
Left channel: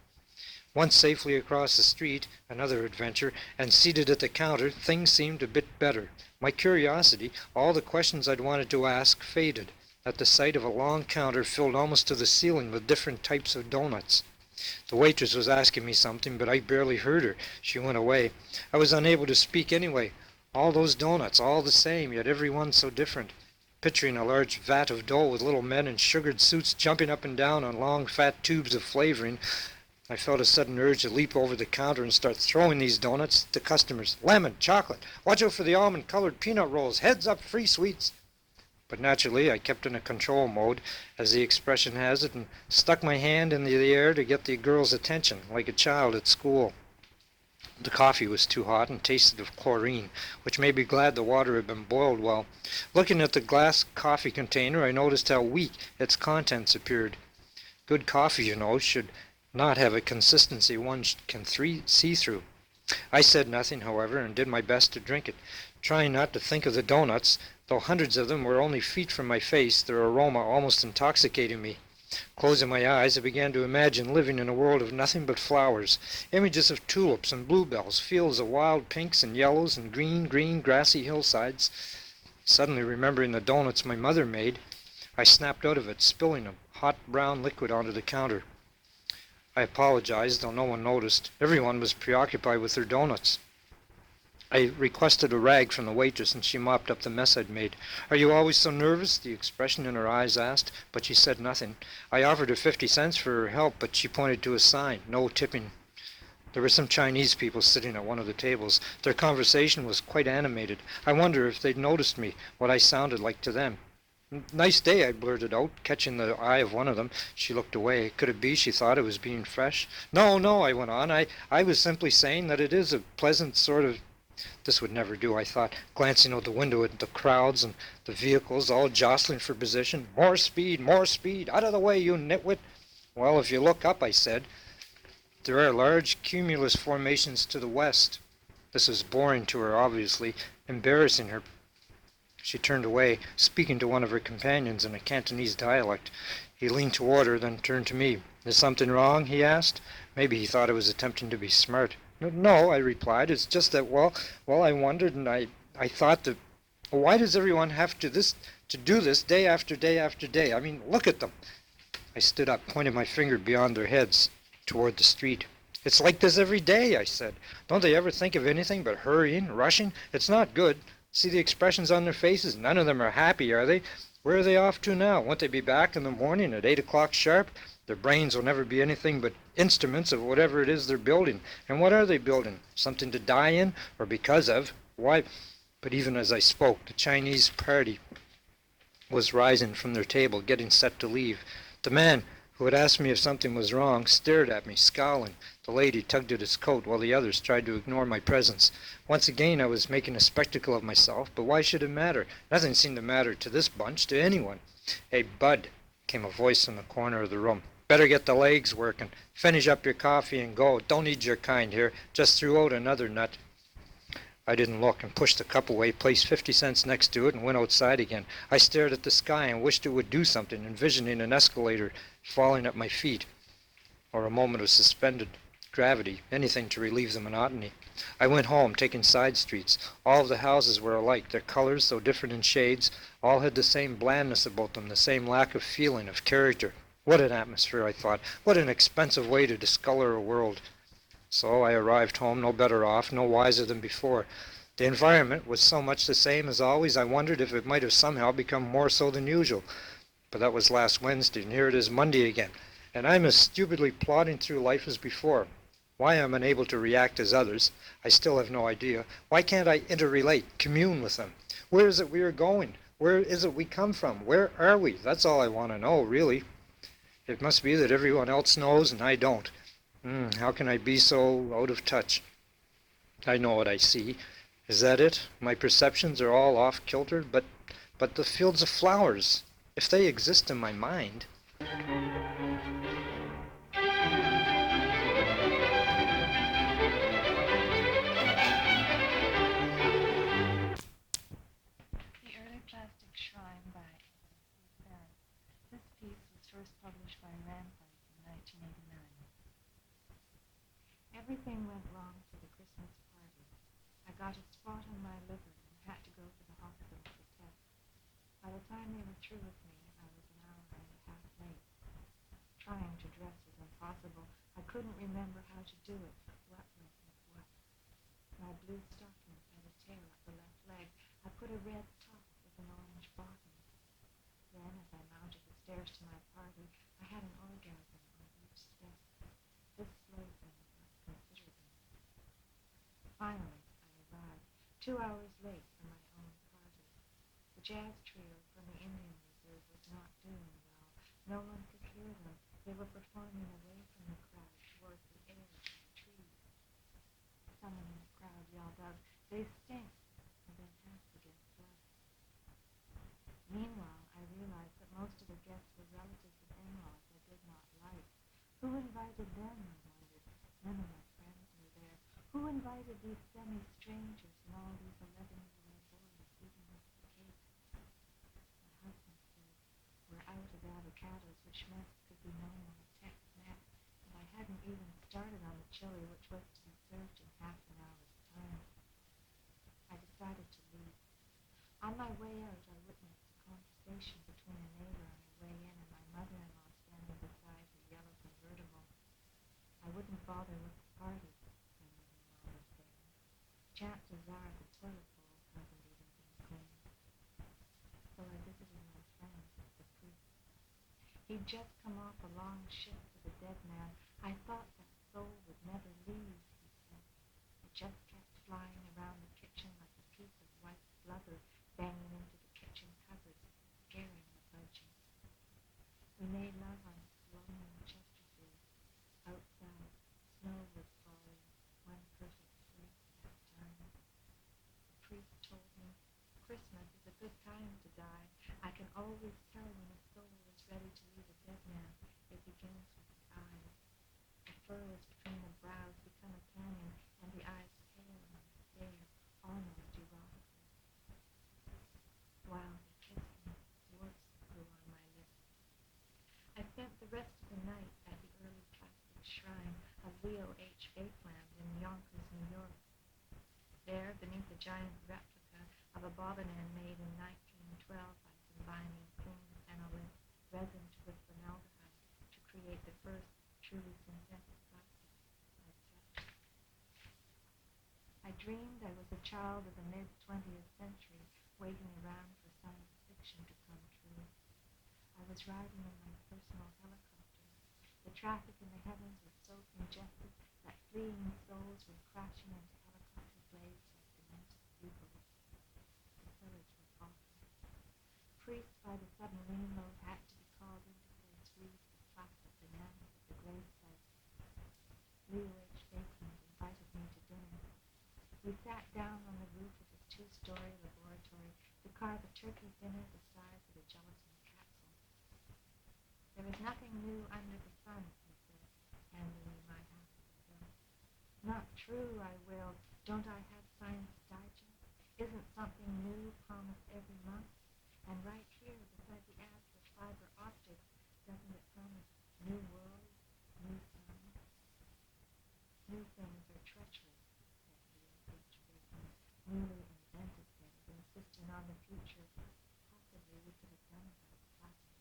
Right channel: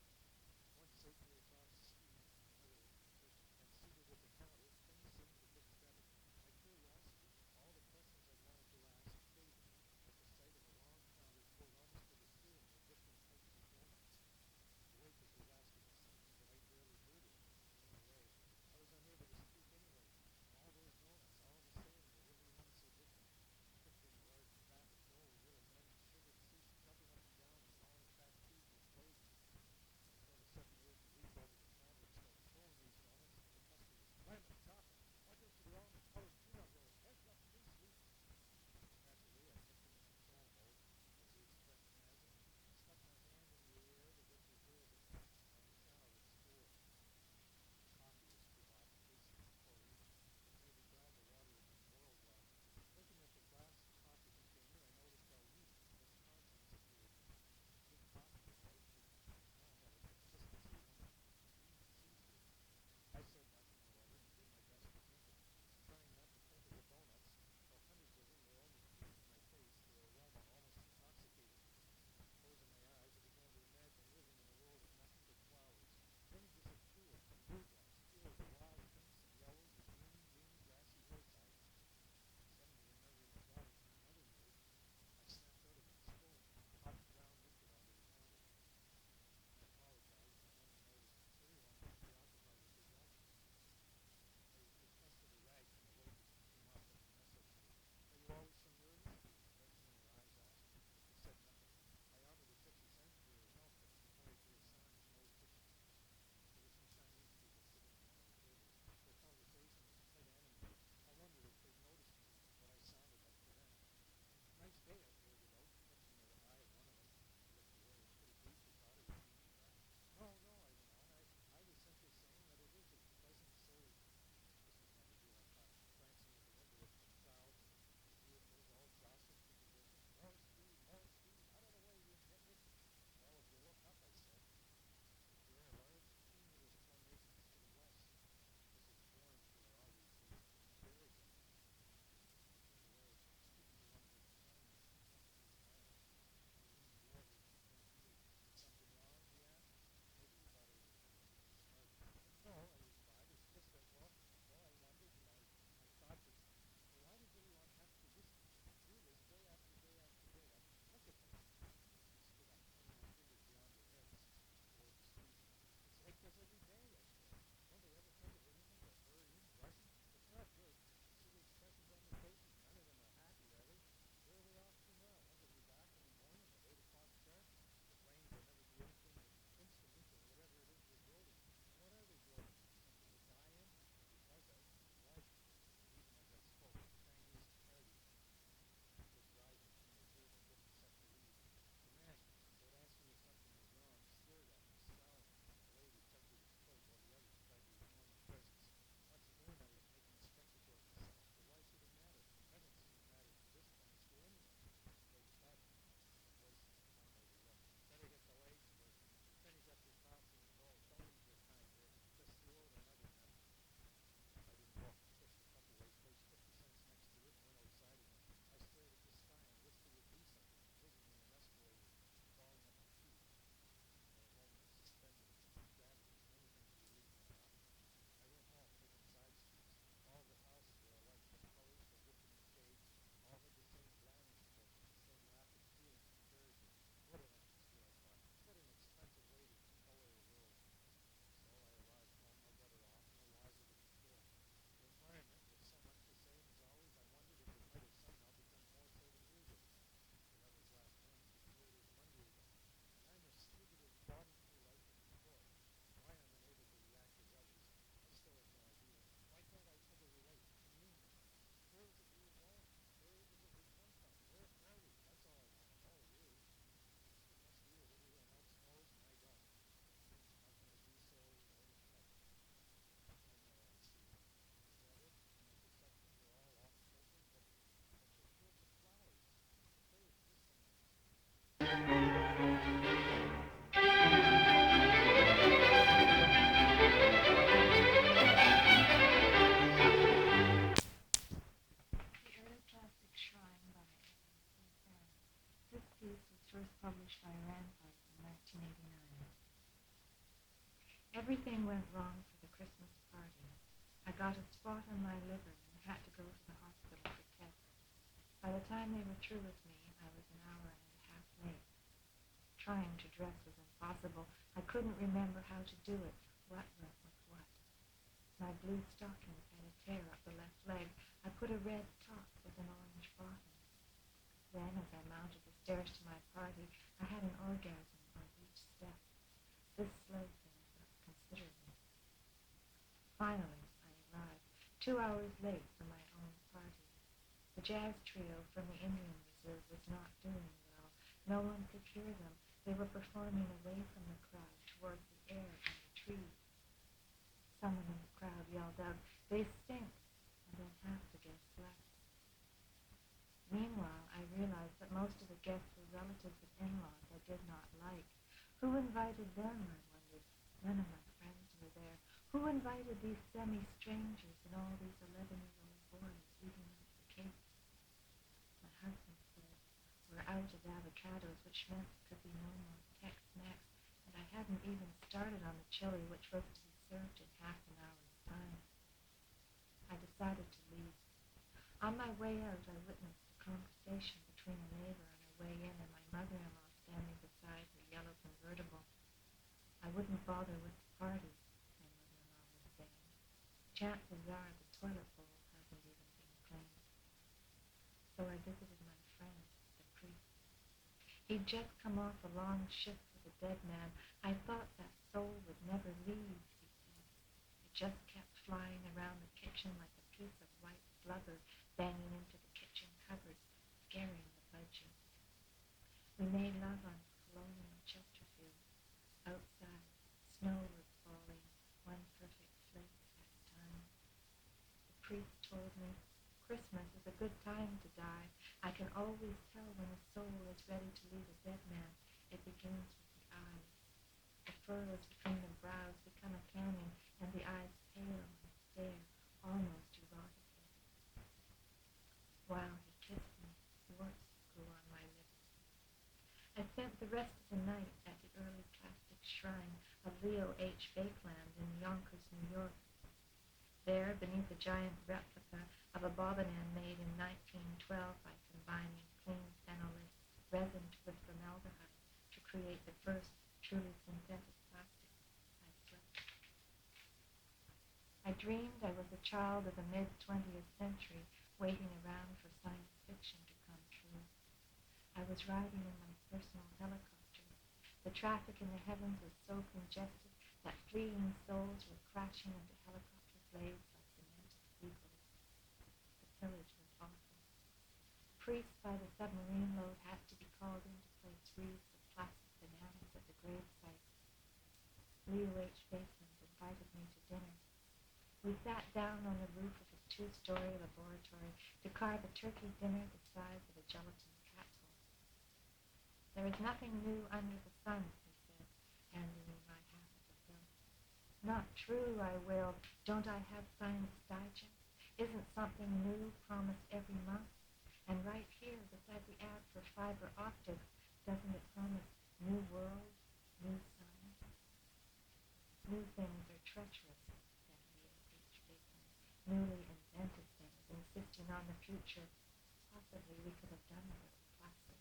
Once safely across the street, another adventure, and seated at the counter, things seemed a bit better. My curiosity, all the questions I'd wanted to ask, faded at the sight of a long counter filled almost to the ceiling with different types of donuts. The waitress was asking me something, but I barely heard her. She went away. I was unable to speak anyway. All those donuts, all the same, yet every one so different. Picturing a large vat of dough with little men in sugared suits jumping up and down on long fat tubes of flavoring, I felt a sudden urge to leap over the counter and start throwing these donuts to customers. "Lemon, chocolate, watch out for the almond-colored peanut rolls, heads up, free sweets." But naturally I kept in a control mode, as the expression has it, and stuck my hand in the air to get the girl's attention, like a child at school. The coffee was too hot and tasted of chlorine, which made me glad the water had been boiled well. Looking at the glass coffee container, I noticed how weak its contents appeared. Good coffee, you know, should not have a consistency one can see through. I said nothing, however, and did my best to drink it, trying not to think of the donuts, though hundreds of them were only feet from my face, their aroma almost intoxicating me. Closing my eyes, I began to imagine living in a world of nothing but flowers, images of tulips and bluebells, fields of wild pinks and yellows and green, grassy hillsides. Suddenly remembering the donuts my mother made, I snapped out of it, spilling a hot brown liquid onto the counter. I apologized, though no one noticed. Everyone was preoccupied with their donuts. I requested a rag from the waitress, and she mopped up the mess I'd made. "Are you always so nervous?" the expression in her eyes asked, but she said nothing. I offered her 50 cents for her help, but she pointed to a sign, "No tipping." There were some Chinese people sitting at one of the tables. Their conversation was quite animated. I wonder if they'd noticed me, what I sounded like to them. "Nice day," I blurted out, catching the eye of one of them. She looked away. Could it be she thought I was being fresh? No, I went on. I was simply saying that it is a pleasant sort of... This would never do, I thought, glancing out the window at the crowds and the vehicles all jostling for position. More speed, out of the way, you nitwit." "Well, if you look up," I said, "there are large cumulus formations to the west." This was boring to her, obviously, embarrassing her. She turned away, speaking to one of her companions in a Cantonese dialect. He leaned toward her, then turned to me. "Is something wrong?" he asked. Maybe he thought I was attempting to be smart. No, I replied. It's just that, well, I wondered and I thought that, well, why does everyone have to do this day after day after day? I mean, look at them. I stood up, pointed my finger beyond their heads toward the street. It's like this every day, I said. Don't they ever think of anything but hurrying, rushing? It's not good. See the expressions on their faces? None of them are happy, are they? Where are they off to now? Won't they be back in the morning at 8 o'clock sharp? Their brains will never be anything but instruments of whatever it is they're building. And what are they building? Something to die in or because of? Why? But even as I spoke, the Chinese party was rising from their table, getting set to leave. The man who had asked me if something was wrong stared at me, scowling. The lady tugged at his coat while the others tried to ignore my presence. Once again I was making a spectacle of myself, but why should it matter? Nothing seemed to matter to this bunch, to anyone. "Hey, Bud," came a voice in the corner of the room. "Better get the legs working. Finish up your coffee and go. Don't need your kind here. Just threw out another nut." I didn't look and pushed the cup away, placed 50 cents next to it, and went outside again. I stared at the sky and wished it would do something, envisioning an escalator falling at my feet, or a moment of suspended gravity, anything to relieve the monotony. I went home, taking side streets. All of the houses were alike. Their colors, though different in shades, all had the same blandness about them, the same lack of feeling, of character. What an atmosphere, I thought. What an expensive way to discolor a world. So I arrived home no better off, no wiser than before. The environment was so much the same as always, I wondered if it might have somehow become more so than usual. But that was last Wednesday, and here it is Monday again. And I'm as stupidly plodding through life as before. Why I'm unable to react as others, I still have no idea. Why can't I interrelate, commune with them? Where is it we are going? Where is it we come from? Where are we? That's all I want to know, really. It must be that everyone else knows and I don't. How can I be so out of touch? I know what I see. Is that it? My perceptions are all off kilter, but the fields of flowers, if they exist in my mind. The Early Plastic Shrine by Cassette. This piece was first published by Rampart in 1989. Everything went wrong for the Christmas party. I got a spot on my liver and had to go to the hospital for tests. By the time they were through with me, I was an hour and a half late. Trying to dress was impossible. I couldn't remember how to do it. What went with what? My blue stockings had a tear up the left leg. I put a red top with an orange bottom. Then, as I mounted the stairs to my party, I had an orgasm on each step. This slowed things up considerably. Finally, I arrived, 2 hours late for my own party. The jazz trio from the Indian Reserve was not doing well. No one could hear them. They were performing away from the crowd, toward the air and the trees. Someone in the crowd yelled out, "They stink," and then half the guests left. Meanwhile, I realized that most of the guests were relatives of in-laws I did not like. Who invited them, I wondered. None of my friends were there. Who invited these semi-strangers and all these 11-year-old boys eating up the cake? My husband said, "We're out of avocados," which meant there could be no more Tex-Mex, and I hadn't even started on the chili, which was to be served in half an hour's time. I decided to leave. On my way out, I witnessed a conversation between a neighbor on her way in and my mother-in-law standing beside her yellow convertible. "I wouldn't bother with the party," my mother-in-law was saying. "Chances are the toilet bowl hasn't even been cleaned." So I visited my friend, the priest. He'd just come off a long shift with a dead man. "I thought that soul would never leave," he said. "It just kept flying around the kitchen like a piece of white blubber, banging into the kitchen cupboard, scaring the budgie." We made love on lonely Chesterfield. Outside, snow was falling, one perfect flake at a time. The priest told me, "Christmas is a good time to die. I can always tell when a soul is ready to leave a dead man. It begins with the eyes. The furrows between the brows become a canyon, and the eyes pale and stare, almost erotically." While he kissed me, words flew on my lips. I spent the rest of the night at the Early Plastic Shrine. of Leo H. Bakeland in Yonkers, New York. There, beneath a giant replica of a bobbin made in 1912 by combining clean phenolist resin with formaldehyde to create the first truly synthetic plastic, I slept. I dreamed I was a child of the mid-20th century, waiting around for science fiction to come true. I was riding in my personal helicopter. The traffic in the heavens was so congested that fleeing souls were crashing into helicopter blades like demented people. The pillage was awful. Priests by the submarine load had to be called in to place wreaths of plastic bananas at the grave sites. Leo H. Bakeland invited me to dinner. We sat down on the roof of his two-story laboratory to carve a turkey dinner the size of a gelatin capsule. There is nothing new under the sun, he said, handing me my half of the pill. Not true, I wailed. Don't I have Science Digest? Isn't something new promised every month? And right here, beside the ad for fiber optics, doesn't it promise new world, new science? New things are treacherous, said Leo H. Bakeland. Newly invented things, insisting on the future. Possibly we could have done with it classic.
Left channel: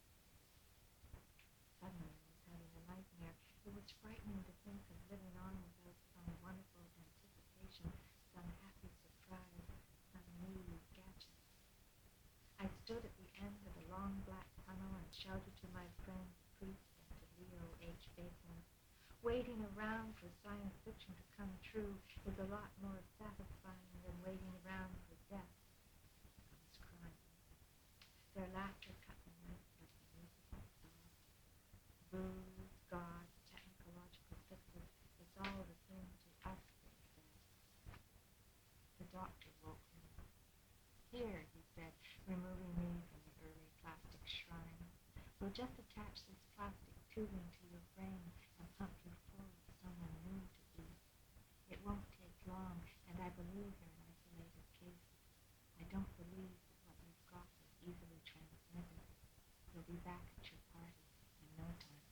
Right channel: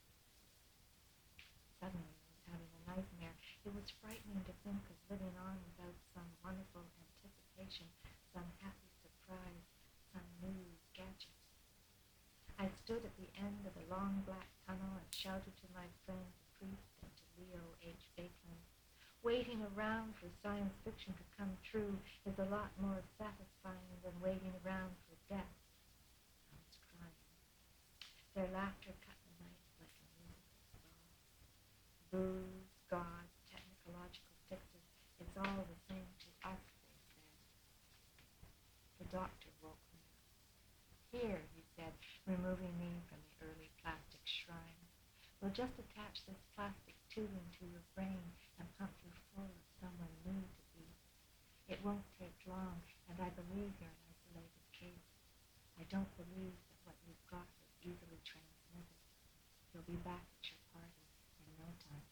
Suddenly I was having a nightmare. It was frightening to think of living on without some wonderful anticipation, some happy surprise, some new gadget. I stood at the end of a long black tunnel and shouted to my friend, the priest, and to Leo H. Bakeland. Waiting around for science fiction to come true is a lot more satisfying than waiting around for death. I was crying. Their laughter cut the night like a musical spell. Booze, God, technological fixes, it's all the same to us, they said. The doctor woke me. Here, he said, removing me from the early plastic shrine. We'll just attach this plastic tubing to your brain and pump you full of someone new to be. It won't take long, and I believe you're an isolated case. I don't believe that what you've got is easily transmitted. You'll be back at your party in no time.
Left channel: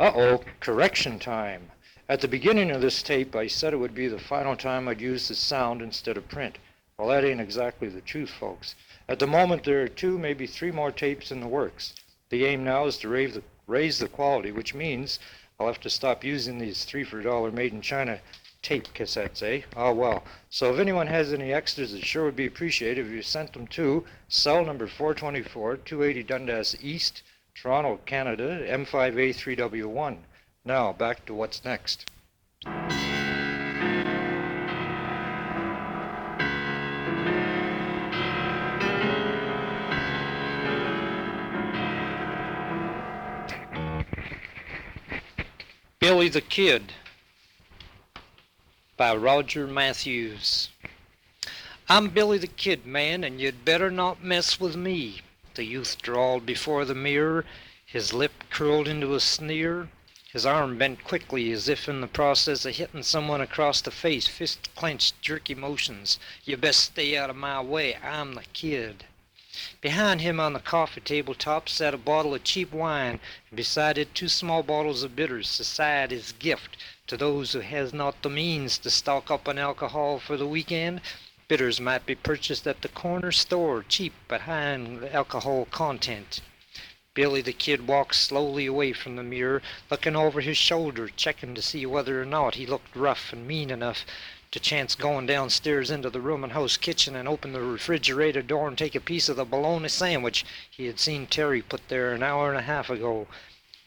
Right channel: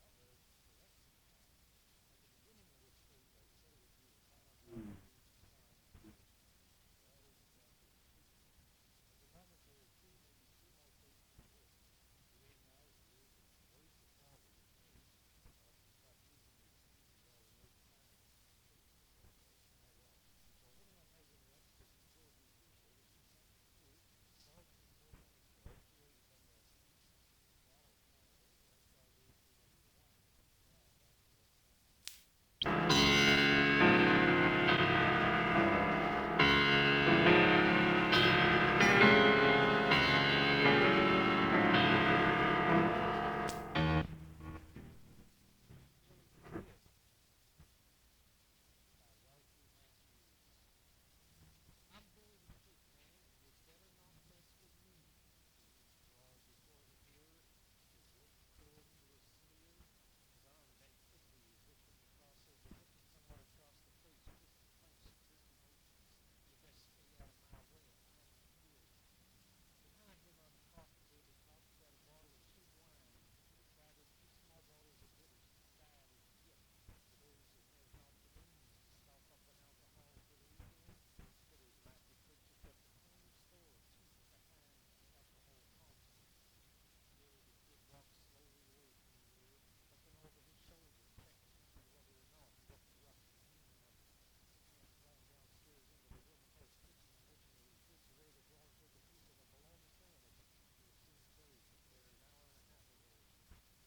Uh-oh, correction time. At the beginning of this tape, I said it would be the final time I'd use the sound instead of print. Well, that ain't exactly the truth, folks. At the moment, there are 2, maybe 3 more tapes in the works. The aim now is to raise the quality, which means I'll have to stop using these 3 for $1 made-in-China tape cassettes, eh? Oh, well. So if anyone has any extras, it sure would be appreciated if you sent them to cell number 424, 280 Dundas East, Toronto, Canada, M5A3W1. Now, back to what's next. Billy the Kid by Roger Matthews. I'm Billy the Kid, man, and you'd better not mess with me. The youth drawled before the mirror, his lip curled into a sneer, his arm bent quickly as if in the process of hitting someone across the face, fist clenched, jerky motions. You best stay out of my way, I'm the kid. Behind him on the coffee table top sat a bottle of cheap wine, and beside it 2 small bottles of bitters, society's gift to those who has not the means to stock up on alcohol for the weekend. Bitters might be purchased at the corner store, cheap but high in alcohol content. Billy the Kid walked slowly away from the mirror, looking over his shoulder, checking to see whether or not he looked rough and mean enough to chance going downstairs into the room and house kitchen and open the refrigerator door and take a piece of the bologna sandwich he had seen Terry put there an hour and a half ago.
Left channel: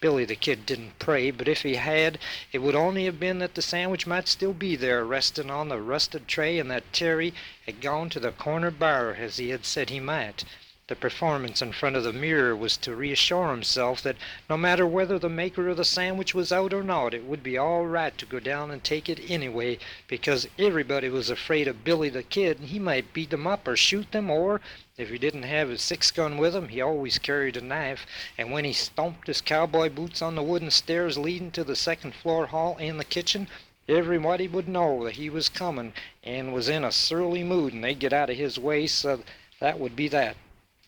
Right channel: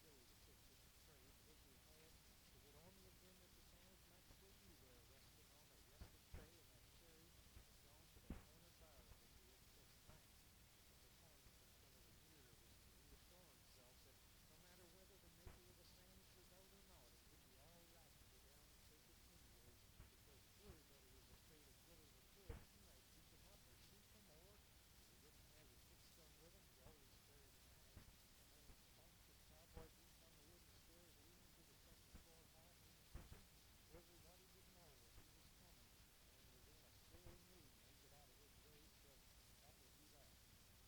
Billy the Kid didn't pray, but if he had, it would only have been that the sandwich might still be there, resting on the rusted tray, and that Terry had gone to the corner bar as he had said he might. The performance in front of the mirror was to reassure himself that no matter whether the maker of the sandwich was out or not, it would be all right to go down and take it anyway, because everybody was afraid of Billy the Kid, and he might beat them up or shoot them, or, if he didn't have his 6-gun with him, he always carried a knife, and when he stomped his cowboy boots on the wooden stairs leading to the second-floor hall and the kitchen, everybody would know that he was coming and was in a surly mood, and they'd get out of his way, so that would be that.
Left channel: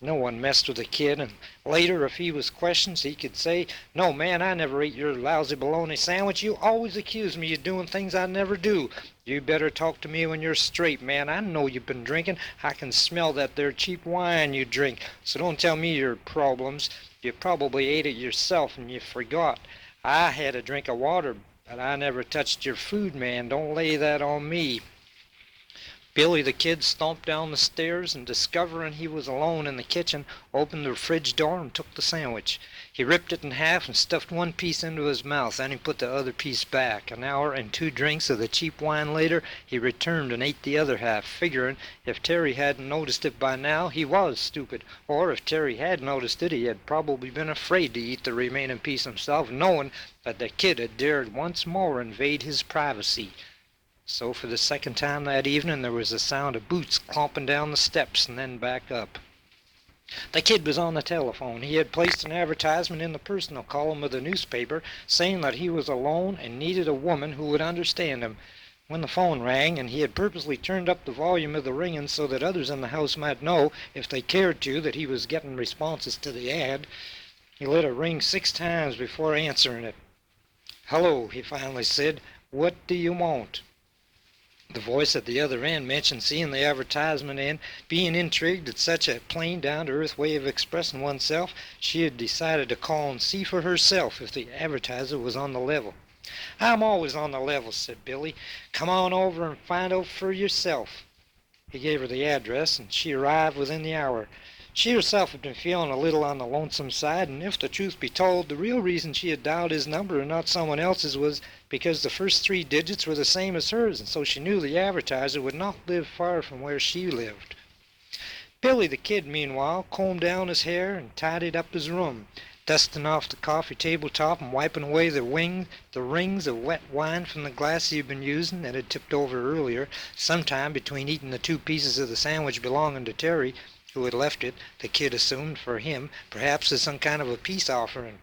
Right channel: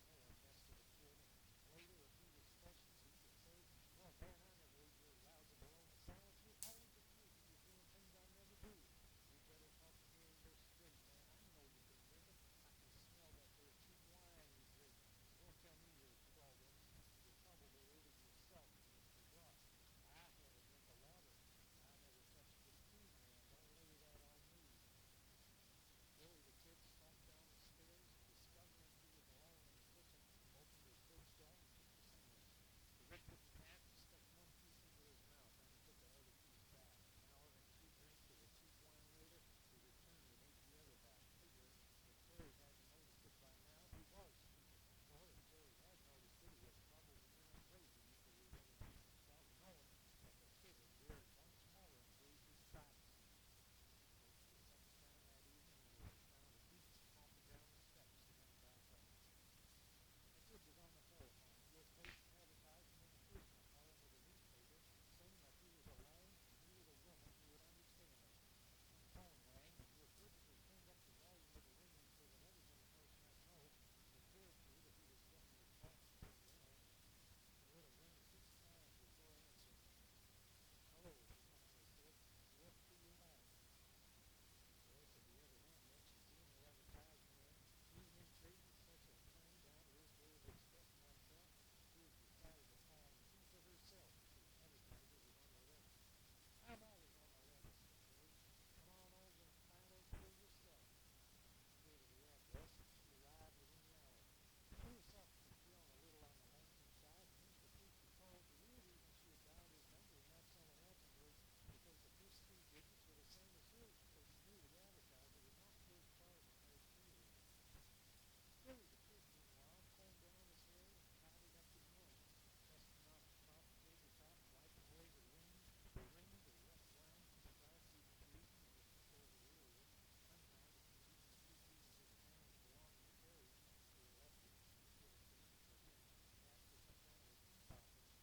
No one messed with the kid, and later, if he was questioned, he could say, "No, man, I never ate your lousy bologna sandwich. You always accuse me of doing things I never do. You better talk to me when you're straight, man. I know you've been drinking. I can smell that there cheap wine you drink. So don't tell me your problems. You probably ate it yourself and you forgot. I had a drink of water, but I never touched your food, man. Don't lay that on me." Billy the Kid stomped down the stairs and, discovering he was alone in the kitchen, opened the fridge door and took the sandwich. He ripped it in half and stuffed one piece into his mouth, then he put the other piece back. An hour and 2 drinks of the cheap wine later, he returned and ate the other half, figuring if Terry hadn't noticed it by now, he was stupid, or if Terry had noticed it, he had probably been afraid to eat the remaining piece himself, knowing that the kid had dared once more invade his privacy. So for the second time that evening there was the sound of boots clomping down the steps and then back up. The kid was on the telephone. He had placed an advertisement in the personal column of the newspaper saying that he was alone and needed a woman who would understand him. When the phone rang, and he had purposely turned up the volume of the ringing so that others in the house might know, if they cared to, that he was getting responses to the ad, he let it ring 6 times before answering it. "Hello," he finally said. "What do you want?" The voice at the other end mentioned seeing the advertisement and, being intrigued at such a plain, down-to-earth way of expressing oneself, she had decided to call and see for herself if the advertiser was on the level. "I'm always on the level," said Billy. "Come on over and find out for yourself." He gave her the address, and she arrived within the hour. She herself had been feeling a little on the lonesome side, and if the truth be told, the real reason she had dialed his number and not someone else's was because the first 3 digits were the same as hers, and so she knew the advertiser would not live far from where she lived. Billy the Kid, meanwhile, combed down his hair and tidied up his room, dusting off the coffee table top and wiping away the rings of wet wine from the glass he had been using that had tipped over earlier, sometime between eating the 2 pieces of the sandwich belonging to Terry, who had left it, the kid assumed, for him, perhaps as some kind of a peace offering.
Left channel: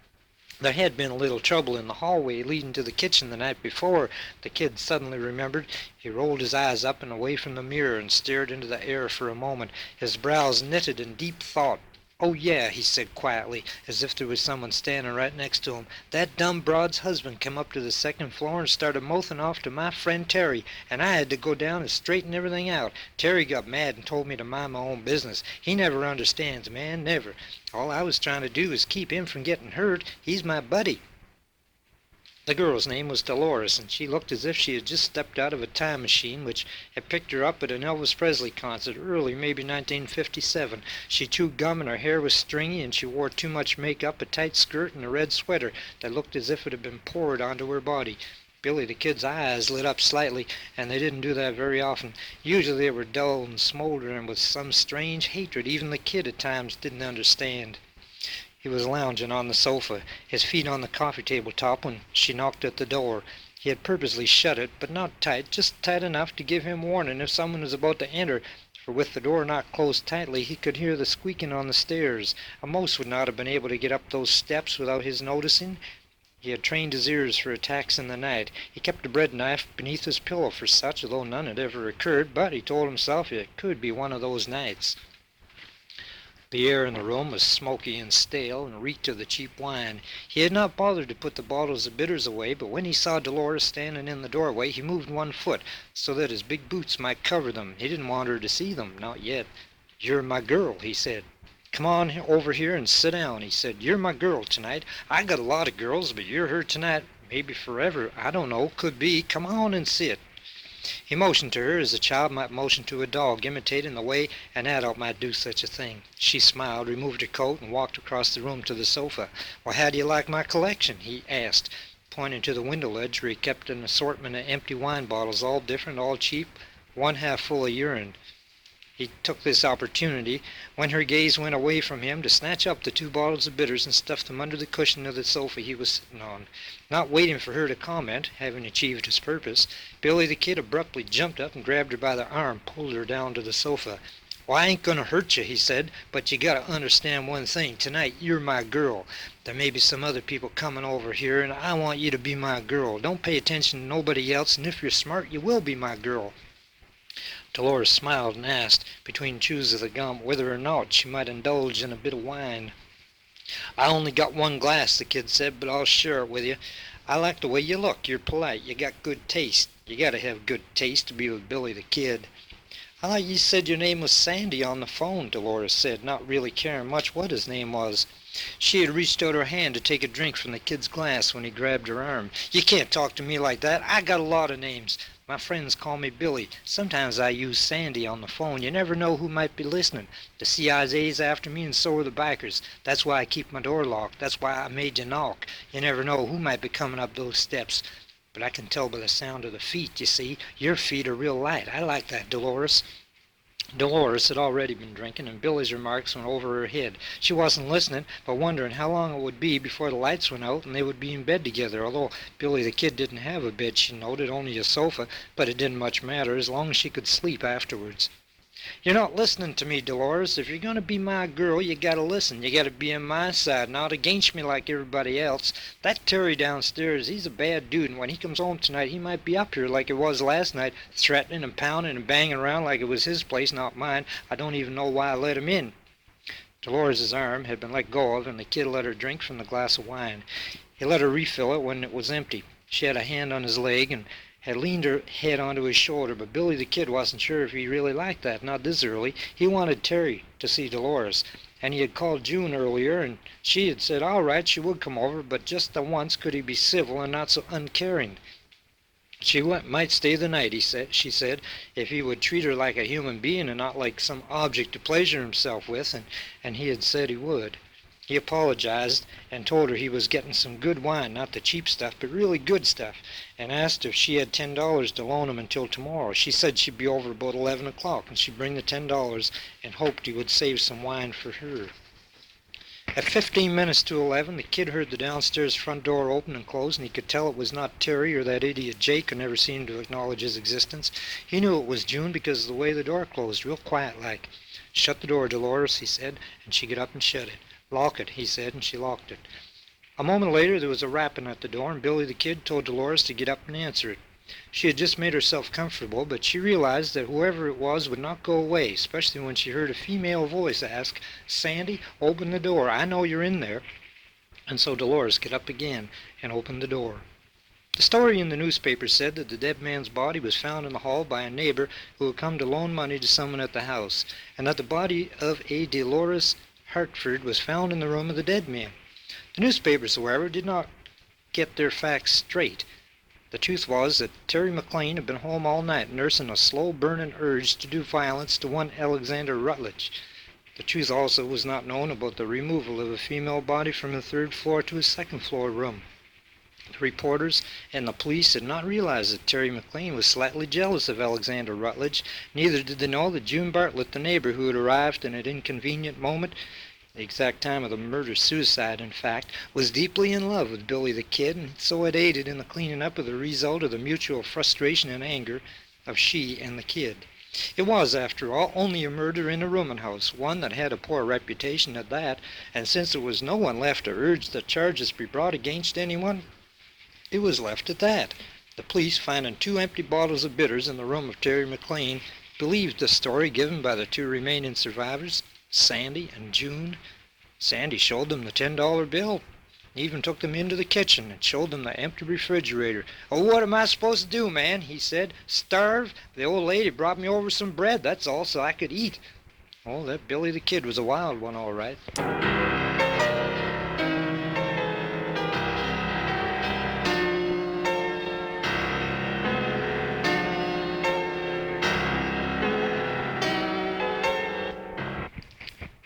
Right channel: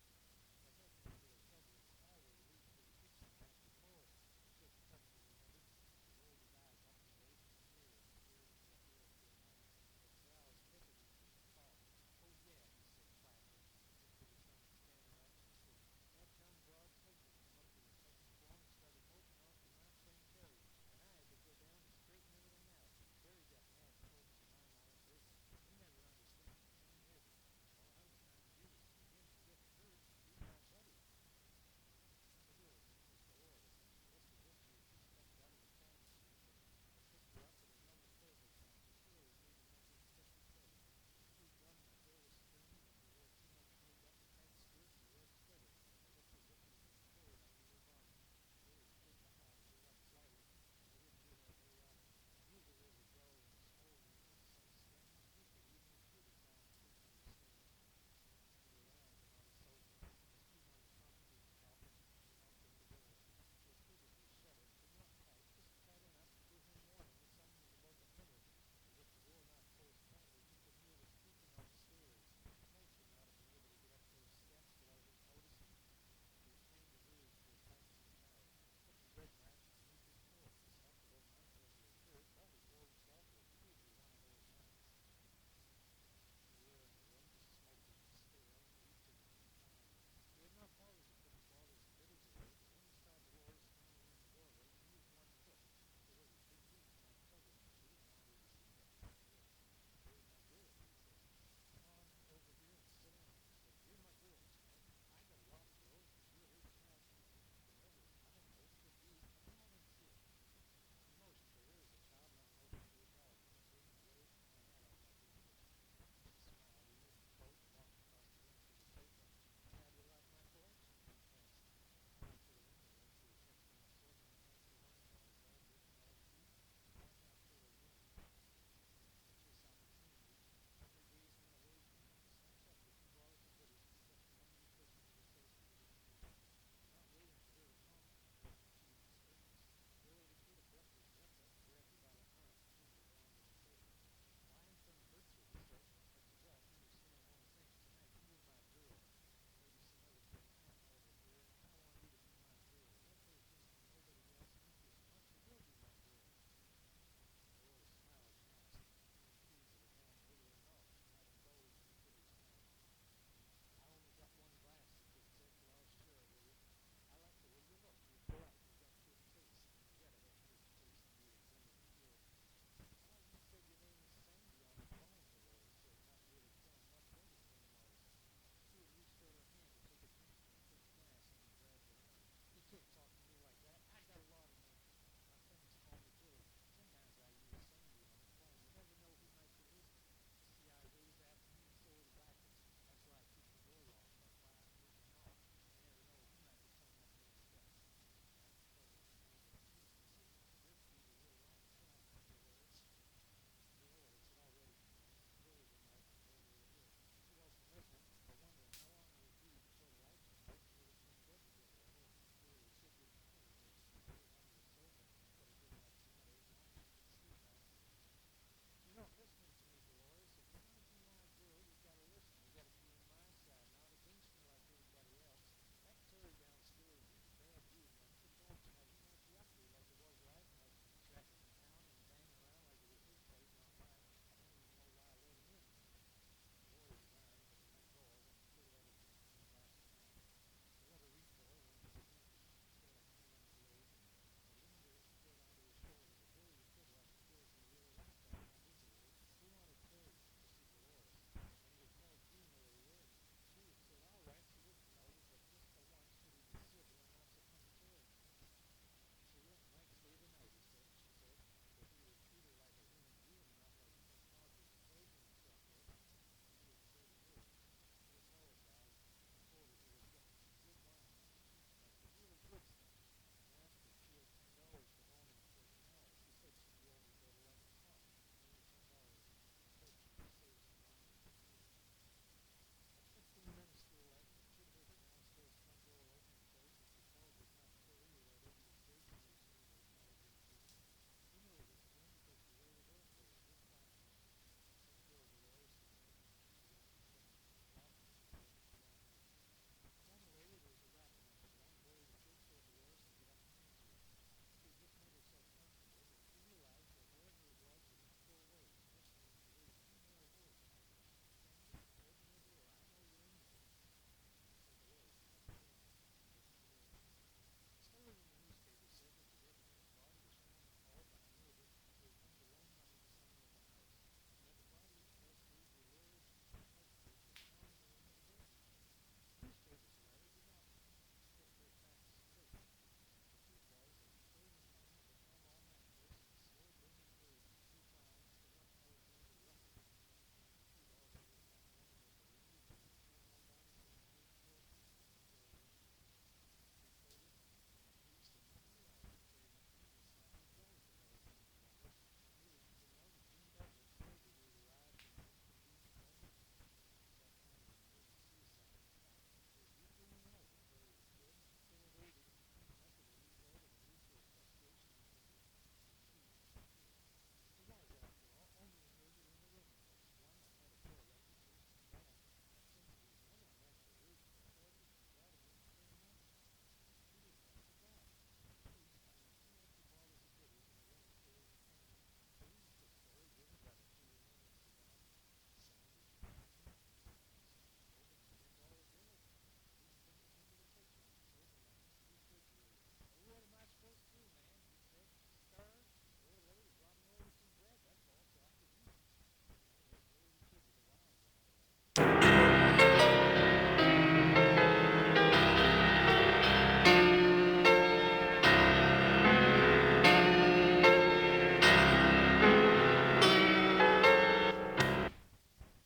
There had been a little trouble in the hallway leading to the kitchen the night before, the kid suddenly remembered. He rolled his eyes up and away from the mirror and stared into the air for a moment, his brows knitted in deep thought. "Oh, yeah," he said quietly, as if there was someone standing right next to him. "That dumb broad's husband come up to the 2nd floor and started mouthing off to my friend Terry, and I had to go down and straighten everything out. Terry got mad and told me to mind my own business. He never understands, man, never. All I was trying to do is keep him from getting hurt. He's my buddy." The girl's name was Dolores, and she looked as if she had just stepped out of a time machine which had picked her up at an Elvis Presley concert early, maybe 1957. She chewed gum and her hair was stringy, and she wore too much makeup, a tight skirt, and a red sweater that looked as if it had been poured onto her body. Billy the Kid's eyes lit up slightly, and they didn't do that very often. Usually they were dull and smoldering with some strange hatred even the kid at times didn't understand. He was lounging on the sofa, his feet on the coffee table top, when she knocked at the door. He had purposely shut it, but not tight, just tight enough to give him warning if someone was about to enter, for with the door not closed tightly he could hear the squeaking on the stairs. A mouse would not have been able to get up those steps without his noticing. He had trained his ears for attacks in the night. He kept a bread knife beneath his pillow for such, although none had ever occurred, but he told himself it could be one of those nights. The air in the room was smoky and stale and reeked of the cheap wine. He had not bothered to put the bottles of bitters away, but when he saw Dolores standing in the doorway, he moved one foot so that his big boots might cover them. He didn't want her to see them, not yet. "You're my girl," he said. "Come on over here and sit down," he said. "You're my girl tonight. I got a lot of girls, but you're her tonight. Maybe forever. I don't know. Could be. Come on and sit." He motioned to her as a child might motion to a dog, imitating the way an adult might do such a thing. She smiled, removed her coat, and walked across the room to the sofa. "Well, how do you like my collection?" he asked, pointing to the window ledge where he kept an assortment of empty wine bottles, all different, all cheap, one half full of urine. He took this opportunity, when her gaze went away from him, to snatch up the 2 bottles of bitters and stuff them under the cushion of the sofa he was sitting on. Not waiting for her to comment, having achieved his purpose, Billy the Kid abruptly jumped up and grabbed her by the arm, pulled her down to the sofa. "Well, I ain't gonna hurt you," he said, "but you gotta understand one thing. Tonight you're my girl. There may be some other people coming over here, and I want you to be my girl. Don't pay attention to nobody else, and if you're smart, you will be my girl." Dolores smiled and asked, between chews of the gum, whether or not she might indulge in a bit of wine. "I only got one glass," the kid said, "but I'll share it with you. I like the way you look. You're polite. You got good taste. You gotta have good taste to be with Billy the Kid." "I thought you said your name was Sandy on the phone," Dolores said, not really caring much what his name was. She had reached out her hand to take a drink from the kid's glass when he grabbed her arm. "You can't talk to me like that. I got a lot of names. My friends call me Billy. Sometimes I use Sandy on the phone. You never know who might be listening. The CIA's after me and so are the bikers. That's why I keep my door locked. That's why I made you knock. You never know who might be coming up those steps. But I can tell by the sound of the feet, you see. Your feet are real light. I like that, Dolores." Dolores had already been drinking, and Billy's remarks went over her head. She wasn't listening, but wondering how long it would be before the lights went out and they would be in bed together, although Billy the Kid didn't have a bed, she noted, only a sofa, but it didn't much matter as long as she could sleep afterwards. "You're not listening to me, Dolores. If you're going to be my girl, you got to listen. You got to be on my side, not against me like everybody else. That Terry downstairs, he's a bad dude, and when he comes home tonight, he might be up here like it was last night, threatening and pounding and banging around like it was his place, not mine. I don't even know why I let him in." Dolores' arm had been let go of, and the kid let her drink from the glass of wine. He let her refill it when it was empty. She had a hand on his leg and had leaned her head onto his shoulder, but Billy the Kid wasn't sure if he really liked that, not this early. He wanted Terry to see Dolores, and he had called June earlier, and she had said all right, she would come over, but just the once could he be civil and not so uncaring. She might stay the night, she said, if he would treat her like a human being and not like some object to pleasure himself with, and he had said he would. He apologized and told her he was getting some good wine, not the cheap stuff, but really good stuff, and asked if she had $10 to loan him until tomorrow. She said she'd be over about 11 o'clock, and she'd bring the $10 and hoped he would save some wine for her. At 15 minutes to 11, the kid heard the downstairs front door open and close, and he could tell it was not Terry or that idiot Jake who never seemed to acknowledge his existence. He knew it was June because of the way the door closed, real quiet-like. "Shut the door, Dolores," he said, and she got up and shut it. "Lock it," he said, and she locked it. A moment later there was a rapping at the door, and Billy the Kid told Dolores to get up and answer it. She had just made herself comfortable, but she realized that whoever it was would not go away, especially when she heard a female voice ask, "Sandy, open the door. I know you're in there." And so Dolores got up again and opened the door. The story in the newspaper said that the dead man's body was found in the hall by a neighbor who had come to loan money to someone at the house, and that the body of a Dolores Hartford was found in the room of the dead man. The newspapers, however, did not get their facts straight. The truth was that Terry McLean had been home all night nursing a slow-burning urge to do violence to one Alexander Rutledge. The truth also was not known about the removal of a female body from the third floor to a second-floor room. The reporters and the police did not realize that Terry McLean was slightly jealous of Alexander Rutledge. Neither did they know that June Bartlett, the neighbor who had arrived in an inconvenient moment, the exact time of the murder-suicide, in fact, was deeply in love with Billy the Kid, and so had aided in the cleaning up of the result of the mutual frustration and anger of she and the kid. It was, after all, only a murder in a rooming house, one that had a poor reputation at that, and since there was no one left to urge that charges be brought against anyone, it was left at that. The police, finding 2 empty bottles of bitters in the room of Terry McLean, believed the story given by the 2 remaining survivors, Sandy and June. Sandy showed them the $10 bill. He even took them into the kitchen and showed them the empty refrigerator. "Oh, what am I supposed to do, man?" he said. "Starve? The old lady brought me over some bread, that's all, so I could eat." Oh, that Billy the Kid was a wild one, all right.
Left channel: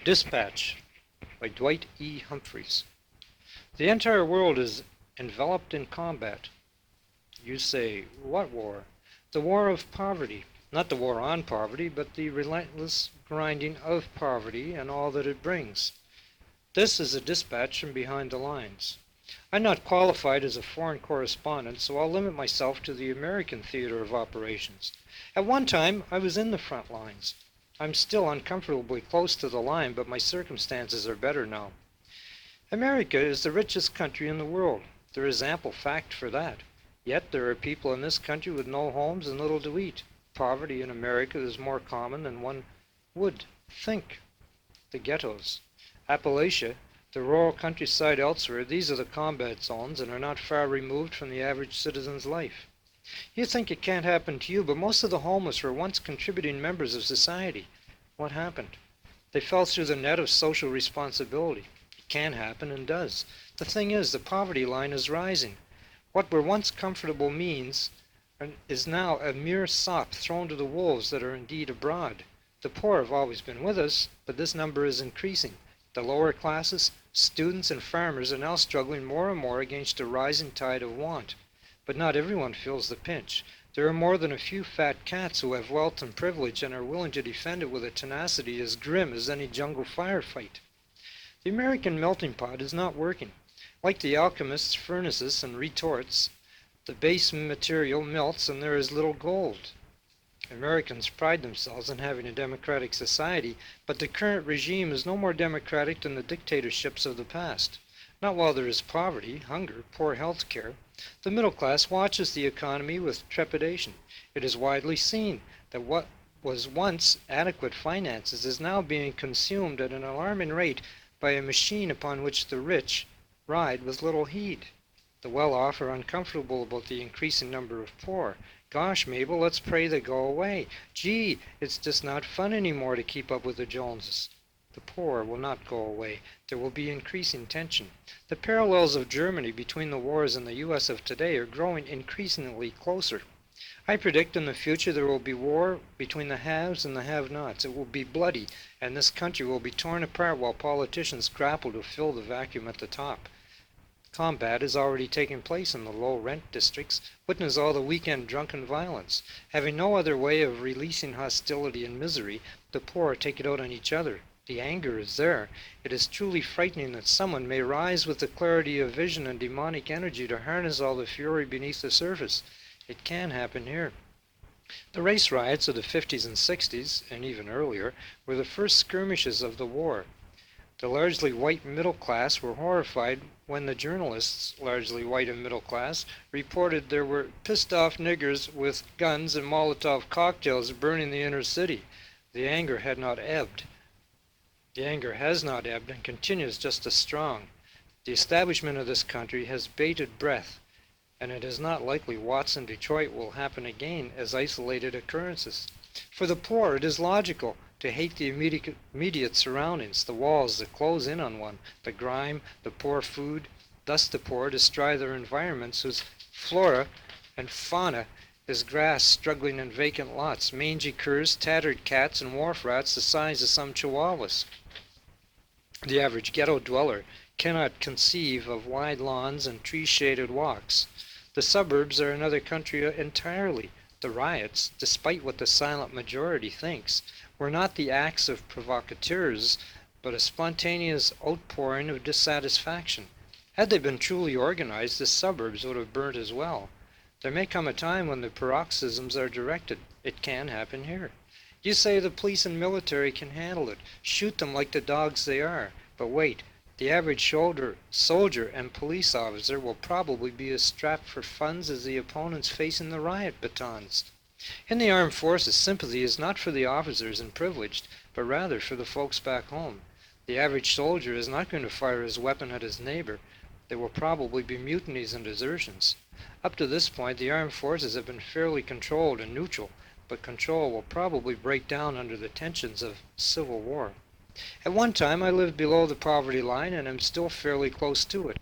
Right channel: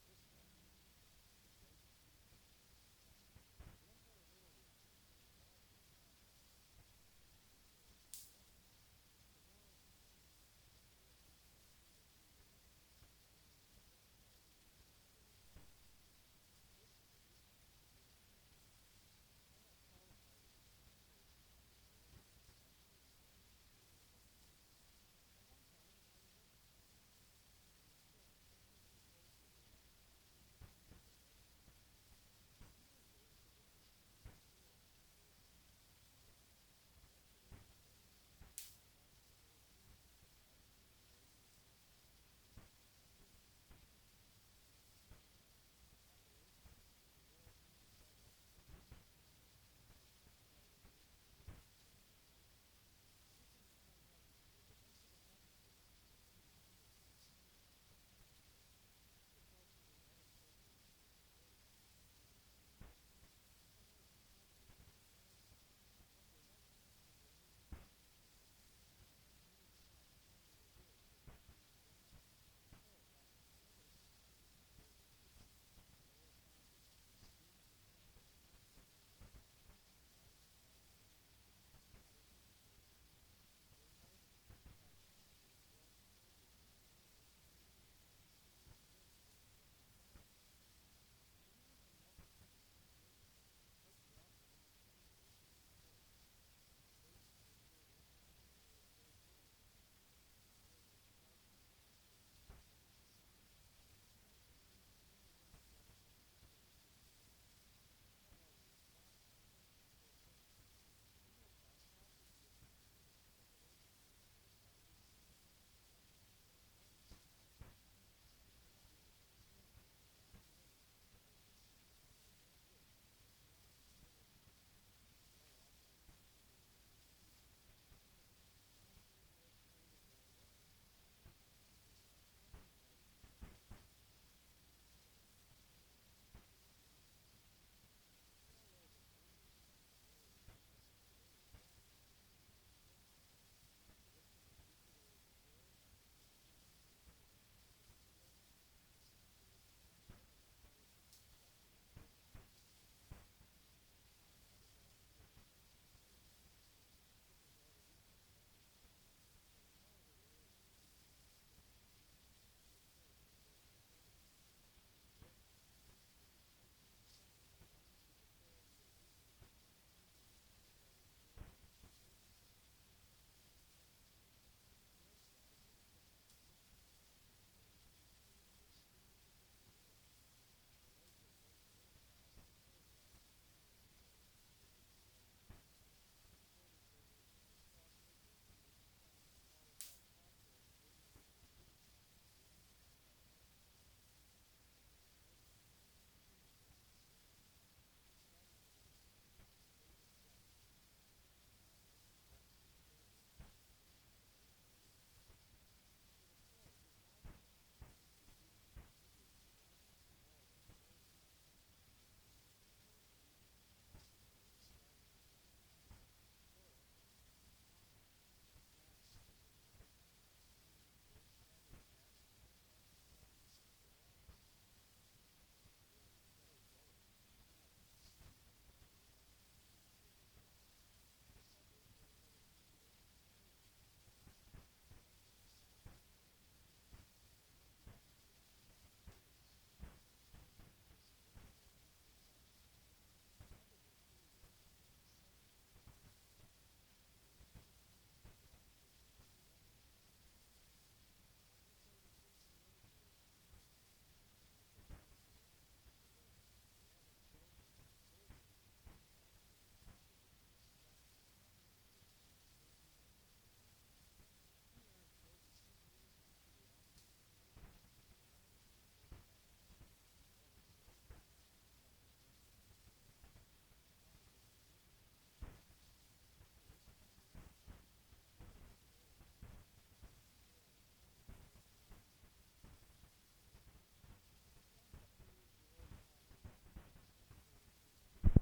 Dispatch by Dwight E. Humphreys. The entire world is enveloped in combat. You say, what war? The war of poverty. Not the war on poverty, but the relentless grinding of poverty and all that it brings. This is a dispatch from behind the lines. I'm not qualified as a foreign correspondent, so I'll limit myself to the American theater of operations. At one time, I was in the front lines. I'm still uncomfortably close to the line, but my circumstances are better now. America is the richest country in the world. There is ample fact for that. Yet there are people in this country with no homes and little to eat. poverty in America is more common than one would think. The ghettos. Appalachia, the rural countryside elsewhere, these are the combat zones and are not far removed from the average citizen's life. You think it can't happen to you, but most of the homeless were once contributing members of society. What happened? They fell through the net of social responsibility. It can happen and does. The thing is, the poverty line is rising. What were once comfortable means is now a mere sop thrown to the wolves that are indeed abroad. The poor have always been with us, but this number is increasing. The lower classes, students and farmers are now struggling more and more against a rising tide of want. But not everyone feels the pinch. There are more than a few fat cats who have wealth and privilege and are willing to defend it with a tenacity as grim as any jungle firefight. The American melting pot is not working. Like the alchemist's furnaces and retorts, the base material melts and there is little gold. Americans pride themselves on having a democratic society, but the current regime is no more democratic than the dictatorships of the past. Not while there is poverty, hunger, poor health care. The middle class watches the economy with trepidation. It is widely seen that what was once adequate finances is now being consumed at an alarming rate by a machine upon which the rich ride with little heed. The well-off are uncomfortable about the increasing number of poor. Gosh, Mabel, let's pray they go away. Gee, it's just not fun anymore to keep up with the Joneses. The poor will not go away. There will be increasing tension. The parallels of Germany between the wars and the U.S. of today are growing increasingly closer. I predict in the future there will be war between the haves and the have-nots. It will be bloody, and this country will be torn apart while politicians grapple to fill the vacuum at the top. Combat is already taking place in the low-rent districts. Witness all the weekend drunken violence. Having no other way of releasing hostility and misery, the poor take it out on each other. The anger is there. It is truly frightening that someone may rise with the clarity of vision and demonic energy to harness all the fury beneath the surface. It can happen here. The race riots of the 50s and 60s, and even earlier, were the first skirmishes of the war. The largely white middle class were horrified when the journalists, largely white and middle class, reported there were pissed-off niggers with guns and Molotov cocktails burning the inner city. The anger had not ebbed. The anger has not ebbed and continues just as strong. The establishment of this country has bated breath, and it is not likely Watson, Detroit will happen again as isolated occurrences. For the poor, it is logical to hate the immediate surroundings, the walls that close in on one, the grime, the poor food. Thus the poor destroy their environments whose flora and fauna is grass struggling in vacant lots, mangy curs, tattered cats, and wharf rats the size of some chihuahuas. The average ghetto dweller cannot conceive of wide lawns and tree-shaded walks. The suburbs are another country entirely. The riots, despite what the silent majority thinks, were not the acts of provocateurs, but a spontaneous outpouring of dissatisfaction. Had they been truly organized, the suburbs would have burnt as well. There may come a time when the paroxysms are directed. It can happen here. You say the police and military can handle it. Shoot them like the dogs they are. But wait, the average soldier and police officer will probably be as strapped for funds as the opponents facing the riot batons. In the armed forces, sympathy is not for the officers and privileged, but rather for the folks back home. The average soldier is not going to fire his weapon at his neighbor. There will probably be mutinies and desertions. Up to this point, the armed forces have been fairly controlled and neutral, but control will probably break down under the tensions of civil war. At one time, I lived below the poverty line, and am still fairly close to it.